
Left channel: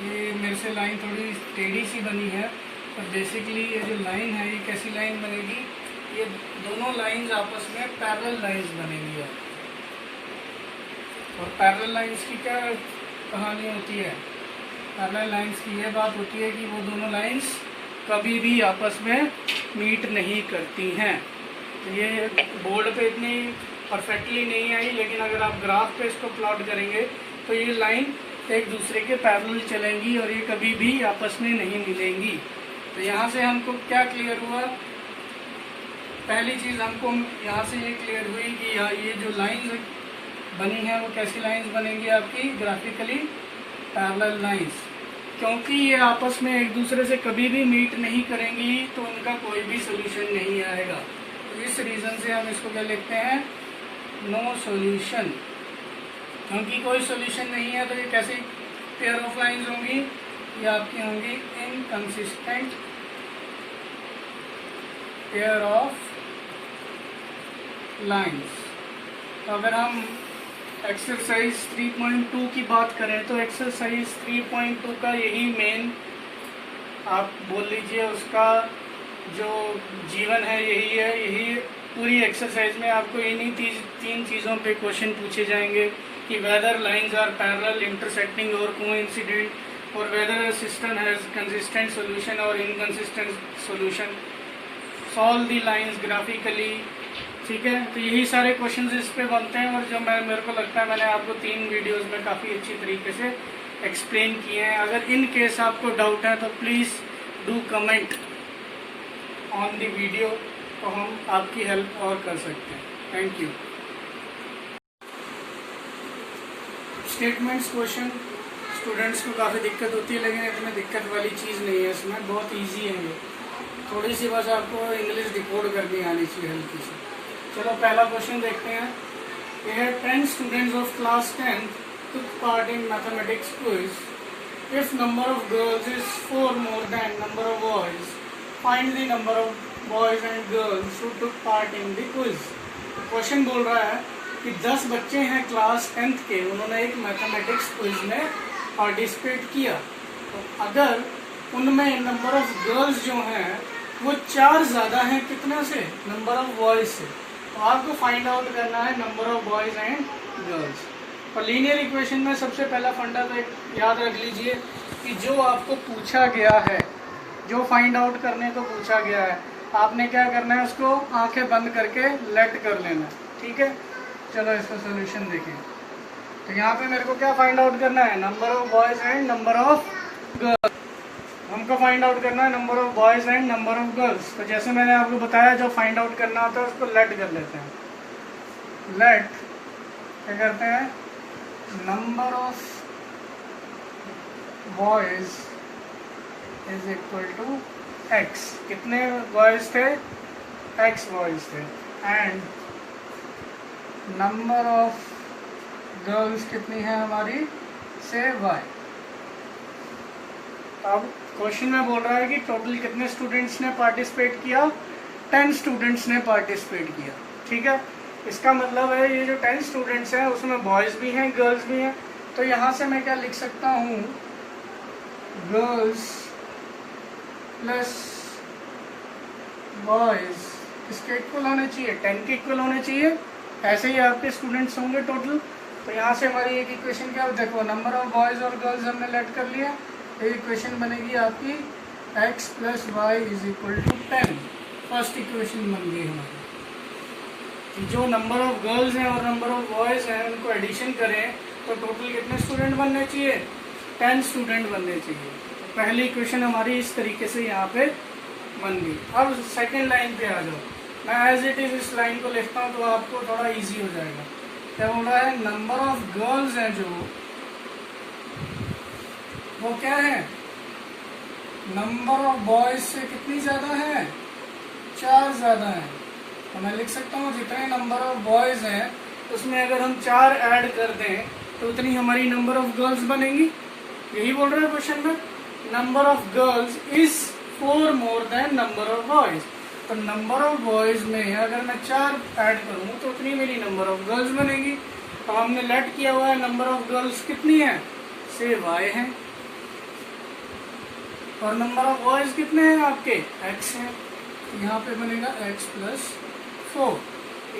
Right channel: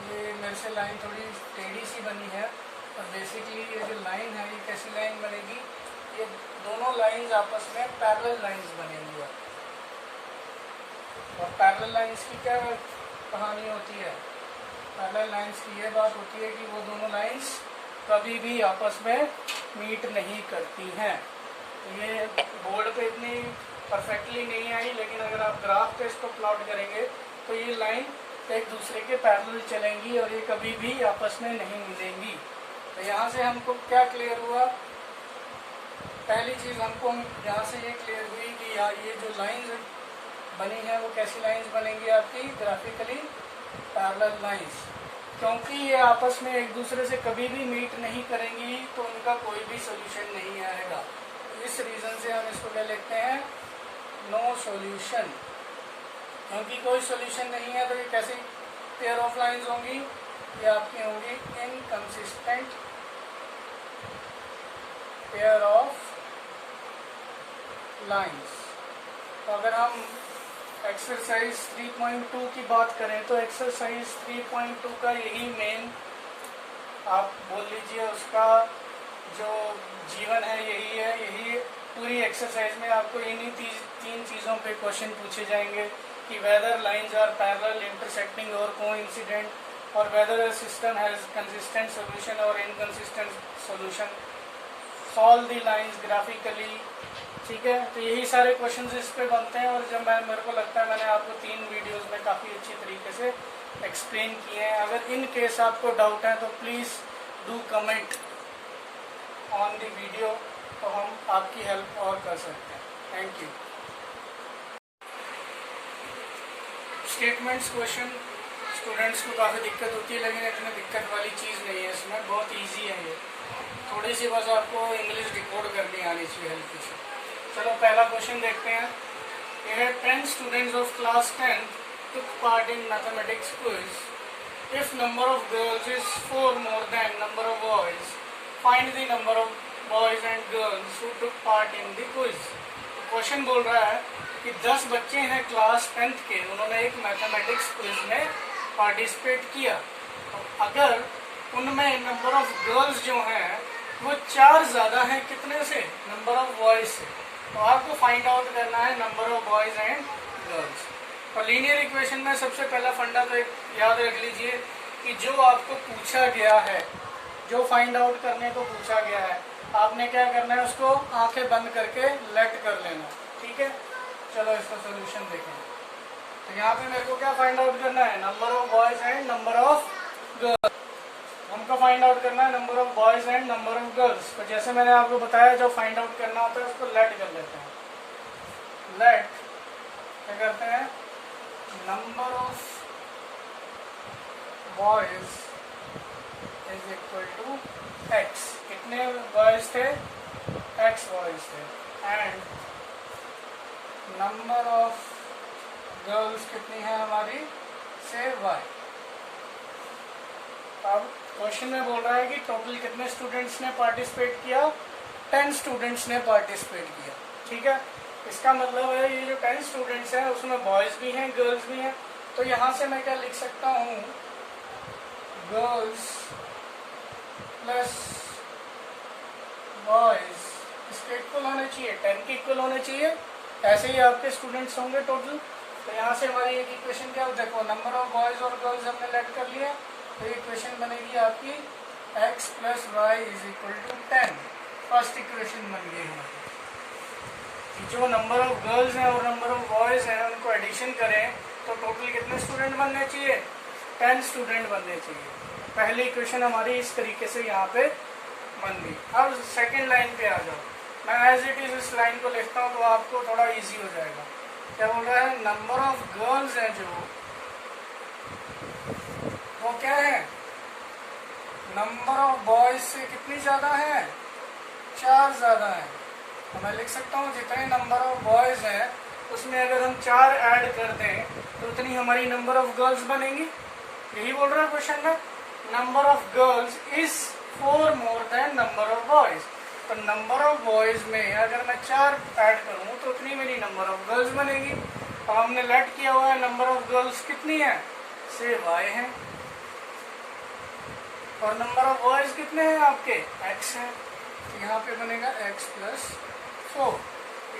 ये मेरे से लाइन थोड़ी टेढ़ी सी बनी है, और बेसिकली ये जो लाइन है ये कैसी लाइन बनेगी, ये दोनों लाइंस आपस में पैरेलल लाइंस बनेंगी। और पैरेलल लाइंस की क्या कहानी होती है, पैरेलल लाइंस की ये बात होती है कि वो दोनों लाइंस कभी भी आपस में मीट नहीं करती हैं। तो ये बोर्ड पे इतनी परफेक्टली नहीं आई, लेकिन अगर आप ग्राफ पे इसको प्लॉट करेंगे तो ये लाइन एक दूसरे के पैरेलल चलेंगी और ये कभी भी आपस में नहीं मिलेंगी। तो यहाँ से हमको क्या क्लियर हुआ, पहली चीज़ हमको यहाँ से ये क्लियर हुई कि यहाँ ये जो लाइंस बनी है वो कैसी लाइंस बनेंगी, आपकी ग्राफिकली पैरेलल लाइंस। क्योंकि ये आपस में एक दूसरे से कभी भी मीट नहीं करेंगी तो उनका कोई भी सोल्यूशन नहीं आएगा। इस रीज़न से हम इसको क्या लिखते हैं, नो सॉल्यूशन। क्योंकि कोई सोल्यूशन नहीं है तो ये कैसी पेयर ऑफ लाइंस होंगी, ये आपकी होंगी इनकंसिस्टेंट पेयर ऑफ लाइंस। तो अगर हम एक्सरसाइज 3.2 की बात करें तो एक्सरसाइज 3.2 का यही मेन आप बोल लीजिए उसका जो जीवन है यही है। यही पूरी एक्सरसाइज में आपको इन्हीं तीन चीज़ों पे क्वेश्चन पूछे जाएंगे कि whether lines are parallel, intersecting और कोइंसिडेंट, और whether system has consistent solution और inconsistent solution, solve the lines graphically. ठीक है, तो यही सारे क्वेश्चंस इस पे बनते हैं, और जो मेरे को लगता है मैंने आपको 3 वीडियोस में काफ़ी अच्छी तरीके से एक्सप्लेन किए हैं। अगर इन केस आपको डाउट है तो please do comment on the video, तो हम आपकी हेल्प और कर सकते हैं। Thank you. Statements question students को काफ़ी दिक्कत होती है, लेकिन इतनी दिक्कत वाली चीज़ नहीं है इसमें, बहुत ईजी है ये। थोड़ी सी बस आपको इंग्लिश डिकोड करनी आनी चाहिए हल्की सी। चलो पहला क्वेश्चन देखते हैं। ये है 10 students of class 10th took part in mathematics quiz. If number of girls is 4 more than number of boys, find the number of boys and girls who took part in the quiz. Question बोल रहा है कि 10 बच्चे हैं class 10th के, उन्होंने एक mathematics quiz में पार्टिसिपेट किया। तो अगर उनमें नंबर ऑफ गर्ल्स जो हैं वो 4 ज़्यादा हैं कितने से, नंबर ऑफ बॉयज से, तो आपको फाइंड आउट करना है number of boys and girls. और लीनियर इक्वेशन में सबसे पहला फंडा तो एक याद रख लीजिए कि जो आपको पूछा गया है, जो फाइंड आउट करने को पूछा गया है, आपने क्या करना है, उसको आंखें बंद करके लेट कर लेना। ठीक है, चलो इसका सोल्यूशन देखें। तो यहाँ पे मेरे को क्या फाइंड आउट करना है, number of boys and number of girls. हमको फाइंड आउट करना है number of boys and number of girls. तो जैसे मैंने आपको बताया, जो फाइंड आउट करना होता है उसको लेट कर लेते हैं। लेट क्या करते हैं, number of boys is equal to x. कितने बॉयज थे, एक्स बॉयज थे, एंड नंबर ऑफ गर्ल्स कितनी है हमारी, से वाई। अब क्वेश्चन में बोल रहा है कि टोटल कितने स्टूडेंट्स ने पार्टिसिपेट किया, 10 स्टूडेंट्स ने पार्टिसिपेट किया। ठीक है, इसका मतलब है ये जो 10 स्टूडेंट्स हैं उसमें बॉयज़ भी हैं गर्ल्स भी हैं। तो यहाँ से मैं क्या लिख सकता हूँ, गर्ल्स प्लस बॉयज़ इसके इक्वल होने चाहिए, 10 के इक्वल होने चाहिए। ऐसे ही आपके स्टूडेंट्स होंगे टोटल। तो यहाँ से हमारी एक इक्वेशन क्या, देखो नंबर ऑफ बॉयज़ और गर्ल्स हमने लेट कर लिया, ये इक्वेशन बनेगी आपकी x plus y is equal to 10। First equation बन गई हमारी। जो नंबर ऑफ गर्ल्स हैं और नंबर ऑफ बॉयज़ हैं उनको एडिशन करें तो टोटल कितने स्टूडेंट बनने चाहिए, 10 स्टूडेंट बनने चाहिए। पहली इक्वेशन हमारी इस तरीके से यहाँ पे बन गई। अब सेकेंड लाइन पे आ जाओ। मैं एज इट इज़ इस लाइन को लिखता हूँ तो आपको थोड़ा ईजी हो जाएगा। क्या बोल रहा है, नंबर ऑफ गर्ल्स हैं जो वो क्या है, नंबर ऑफ बॉयज से कितनी ज़्यादा है, 4 ज़्यादा है। तो मैं लिख सकता हूँ जितने नंबर ऑफ बॉयज़ हैं उसमें अगर हम 4 ऐड कर दें तो उतनी हमारी नंबर ऑफ गर्ल्स बनेंगी। यही बोल रहा है क्वेश्चन में, number of girls is 4 more than number of boys. तो नंबर ऑफ बॉयज़ में अगर मैं 4 ऐड करूँ तो उतनी मेरी नंबर ऑफ गर्ल्स बनेगी। तो हमने लेट किया हुआ है नंबर ऑफ गर्ल्स कितनी है, से y है। और नंबर ऑफ बॉयज कितने हैं आपके, x है, तो यहाँ पे बनेगा x प्लस 4।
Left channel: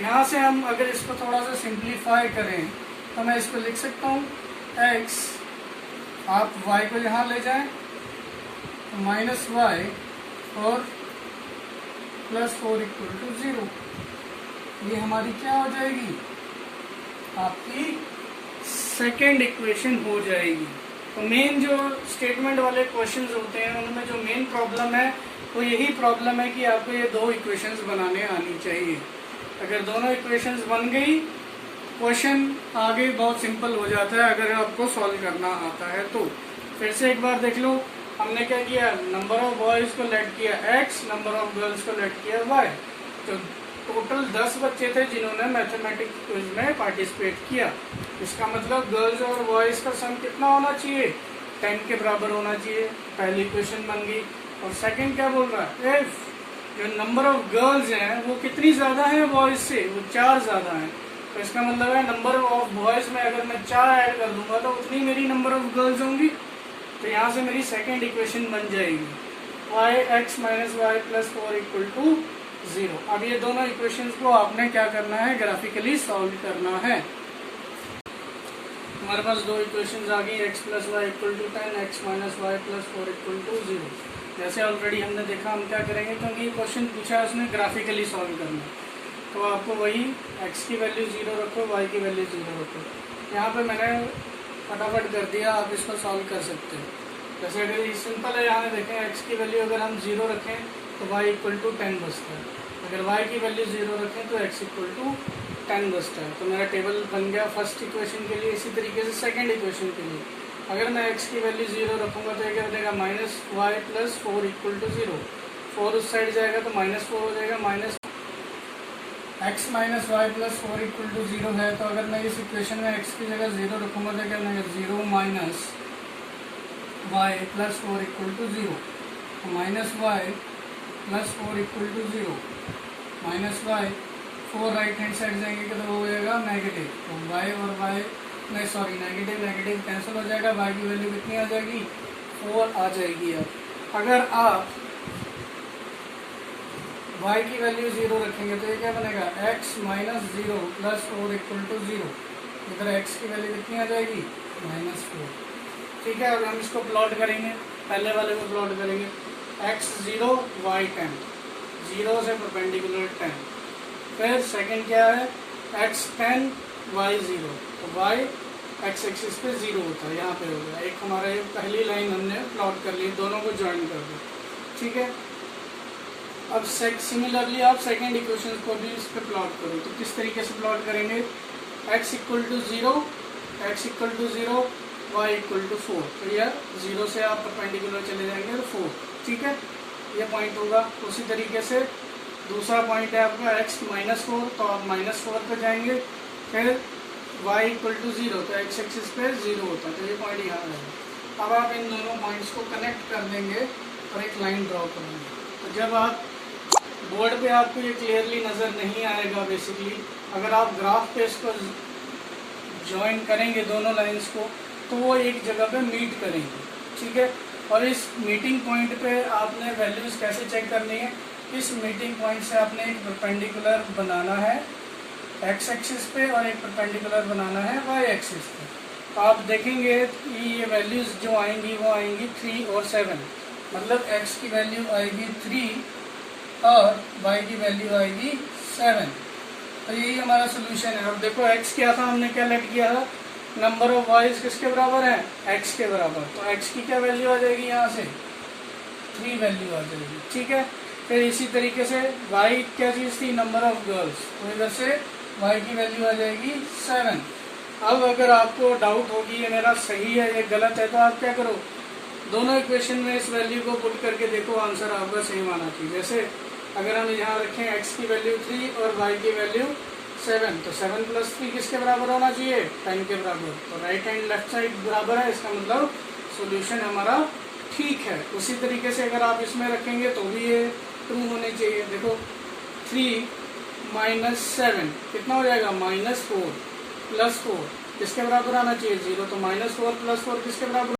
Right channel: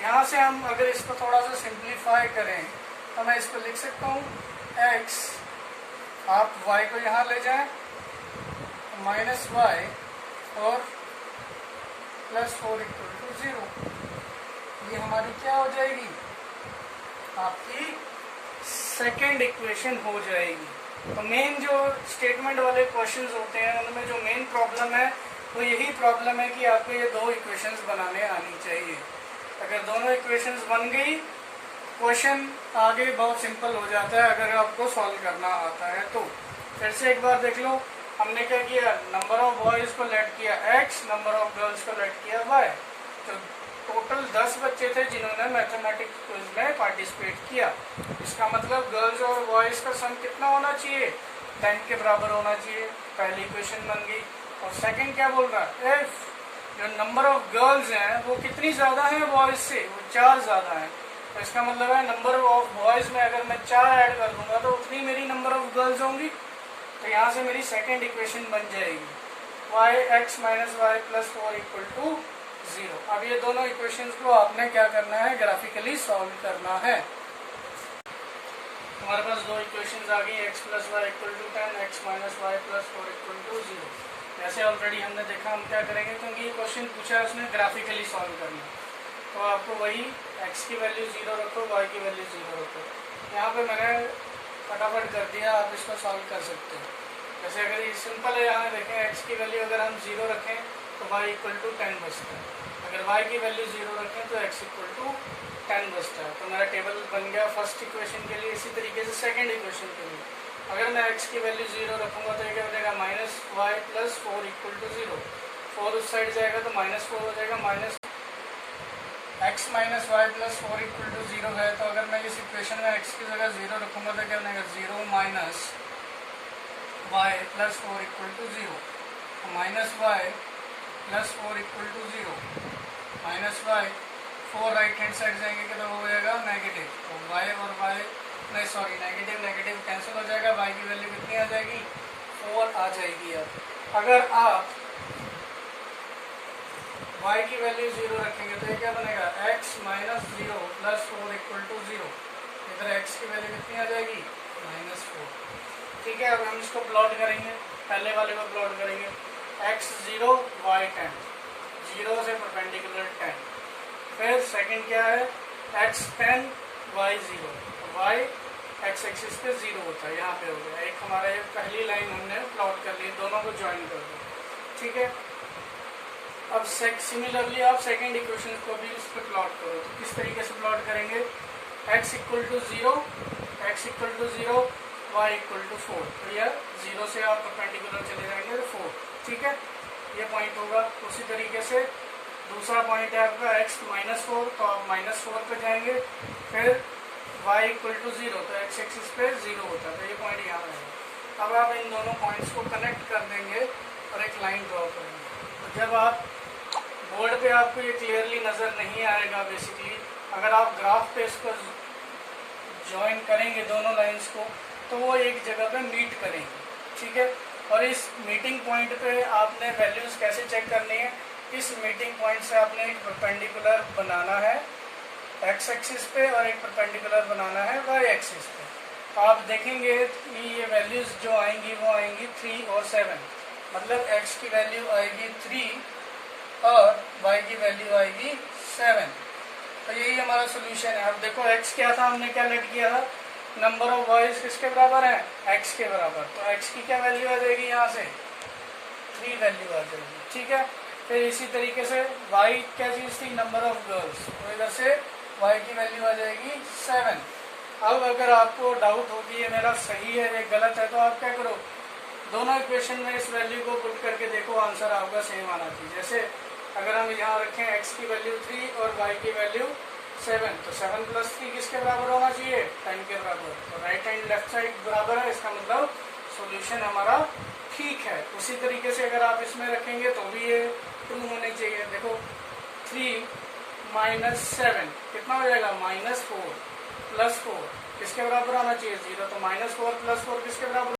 यहाँ से हम अगर इसको थोड़ा सा सिंप्लीफाई करें तो मैं इसको लिख सकता हूँ x, आप y को यहाँ ले जाएं तो माइनस वाई और प्लस 4 इक्वल टू 0। ये हमारी क्या हो जाएगी, आपकी सेकेंड इक्वेशन हो जाएगी। तो मेन जो स्टेटमेंट वाले क्वेश्चंस होते हैं उनमें जो मेन प्रॉब्लम है वो यही प्रॉब्लम है कि आपको ये दो इक्वेशंस बनाने आनी चाहिए। अगर दोनों इक्वेशंस बन गई, क्वेश्चन आगे बहुत सिंपल हो जाता है अगर आपको सॉल्व करना आता है तो। फिर से एक बार देख लो, हमने क्या किया, नंबर ऑफ बॉयज को लेट किया x, नंबर ऑफ गर्ल्स को लेट किया y। तो टोटल 10 बच्चे थे जिन्होंने मैथमेटिक्स क्विज में पार्टिसिपेट किया। इसका मतलब गर्ल्स और बॉयज का सम कितना होना चाहिए, 10 के बराबर होना चाहिए। पहली इक्वेशन बन गई। और सेकंड क्या बोल रहा है, इफ जो नंबर ऑफ गर्ल्स हैं वो कितनी ज्यादा है बॉयज से, वो 4 ज्यादा है। तो इसका मतलब है नंबर ऑफ बॉयज में अगर मैं 4 ऐड कर दूंगा तो उतनी मेरी नंबर ऑफ गर्ल्स होंगी। तो यहाँ से मेरी सेकेंड इक्वेशन बन जाएगी y(x - y + 4 = 0। अब ये दोनों इक्वेशंस को आपने क्या करना है, ग्राफिकली सॉल्व करना है। हमारे पास दो इक्वेशंस आ गई, x + y = 10, x - y + 4 = 0। जैसे ऑलरेडी हमने देखा, हम क्या करेंगे, क्योंकि ये क्वेश्चन पूछा है उसने ग्राफिकली सॉल्व करना, तो आपको वही x की वैल्यू 0 रखो, y की वैल्यू 0 रखो। यहाँ पे मैंने फटाफट कर दिया, आप इसको सॉल्व कर सकते हैं। जैसे अगर ये सिंपल है, यहाँ देखें x की वैल्यू अगर हम 0 रखें तो y = 10 बचता है। अगर y की वैल्यू 0 रखें तो x = 10 बचता है। तो मेरा टेबल बन गया फर्स्ट इक्वेशन के लिए। इसी तरीके से सेकंड इक्वेशन के लिए अगर मैं x की वैल्यू 0 रखूंगा तो ये क्या बनेगा, -y + 4 = 0। 4 उस साइड जाएगा तो -4 हो जाएगा। x - y + 4 = 0 है, तो अगर मैं इस इक्वेशन में x की जगह 0 रखूंगा तो क्या बनेगा, 0 - y + 4 = 0। -y + 4 = 0 -y 4 right hand side जाएंगे तो हो जाएगा नेगेटिव। तो y और y नहीं, सॉरी, नेगेटिव कैंसिल हो जाएगा। y की वैल्यू कितनी आ जाएगी, 4 आ जाएगी। अब अगर आप y की वैल्यू 0 रखेंगे तो ये क्या बनेगा, x - 0 + 4 = 0। इधर x की वैल्यू कितनी आ जाएगी, -4। ठीक है, अब हम इसको प्लॉट करेंगे, पहले वाले को प्लॉट करेंगे। x 0 y 10, 0 से परपेंडिकुलर 10। फिर सेकंड क्या है, x 10 y 0, तो y x एक्सिस पे 0 होता है, यहाँ पे हो गया। एक हमारा ये पहली लाइन हमने प्लॉट कर ली, दोनों को ज्वाइन कर दो। ठीक है, अब सिमिलरली आप सेकंड इक्वेशन को भी इस पर प्लॉट करो। तो किस तरीके से प्लॉट करेंगे, x = 0, y = 4। तो यह 0 से आप परपेंडिकुलर चले जाएंगे तो 4। ठीक है, ये पॉइंट होगा। उसी तरीके से दूसरा पॉइंट है आपका x -4, तो आप -4 पे जाएंगे। फिर y = 0, तो x एक्सिस पे 0 होता है, तो ये पॉइंट यहाँ रहेगा। अब आप इन दोनों पॉइंट्स को कनेक्ट कर देंगे और एक लाइन ड्रॉ करेंगे। तो जब आप बोर्ड पे आपको ये क्लियरली नज़र नहीं आएगा, बेसिकली अगर आप ग्राफ पे इसको ज्वाइन करेंगे दोनों लाइंस को तो वो एक जगह पे मीट करेंगे। ठीक है, और इस मीटिंग पॉइंट पे आपने वैल्यूज कैसे चेक करनी है, इस मीटिंग पॉइंट से आपने एक परपेंडिकुलर बनाना है x एक्सिस पे और एक परपेंडिकुलर बनाना है y एक्सिस पे। तो आप देखेंगे कि ये वैल्यूज जो आएंगी वो आएंगी 3 और 7, मतलब x की वैल्यू आएगी 3 और y की वैल्यू आएगी 7। तो यही हमारा सोल्यूशन है। अब देखो x क्या था, हमने क्या लेट किया था, नंबर ऑफ बॉयज किसके बराबर है, x के बराबर। तो x की क्या वैल्यू आ जाएगी, यहाँ से 3 वैल्यू आ जाएगी। ठीक है, फिर इसी तरीके से y क्या चीज़ थी, नंबर ऑफ गर्ल्स, तो इधर से y की वैल्यू आ जाएगी 7। अब अगर आपको डाउट होगी ये मेरा सही है ये गलत है, तो आप क्या करो, दोनों इक्वेशन में इस वैल्यू को पुट करके देखो, आंसर आपका सेम आना चाहिए। जैसे अगर हम यहाँ रखें x की वैल्यू 3 और y की वैल्यू 7, तो 7 + 3 किसके बराबर होना चाहिए, 10 के बराबर। तो राइट एंड लेफ्ट साइड बराबर है, इसका मतलब सोल्यूशन हमारा ठीक है। उसी तरीके से अगर आप इसमें रखेंगे तो भी ये ट्रू होने चाहिए। देखो 3 - 7 कितना हो जाएगा, -4 + 4 किसके बराबर आना चाहिए, 0। तो -4 + 4 किसके बराबर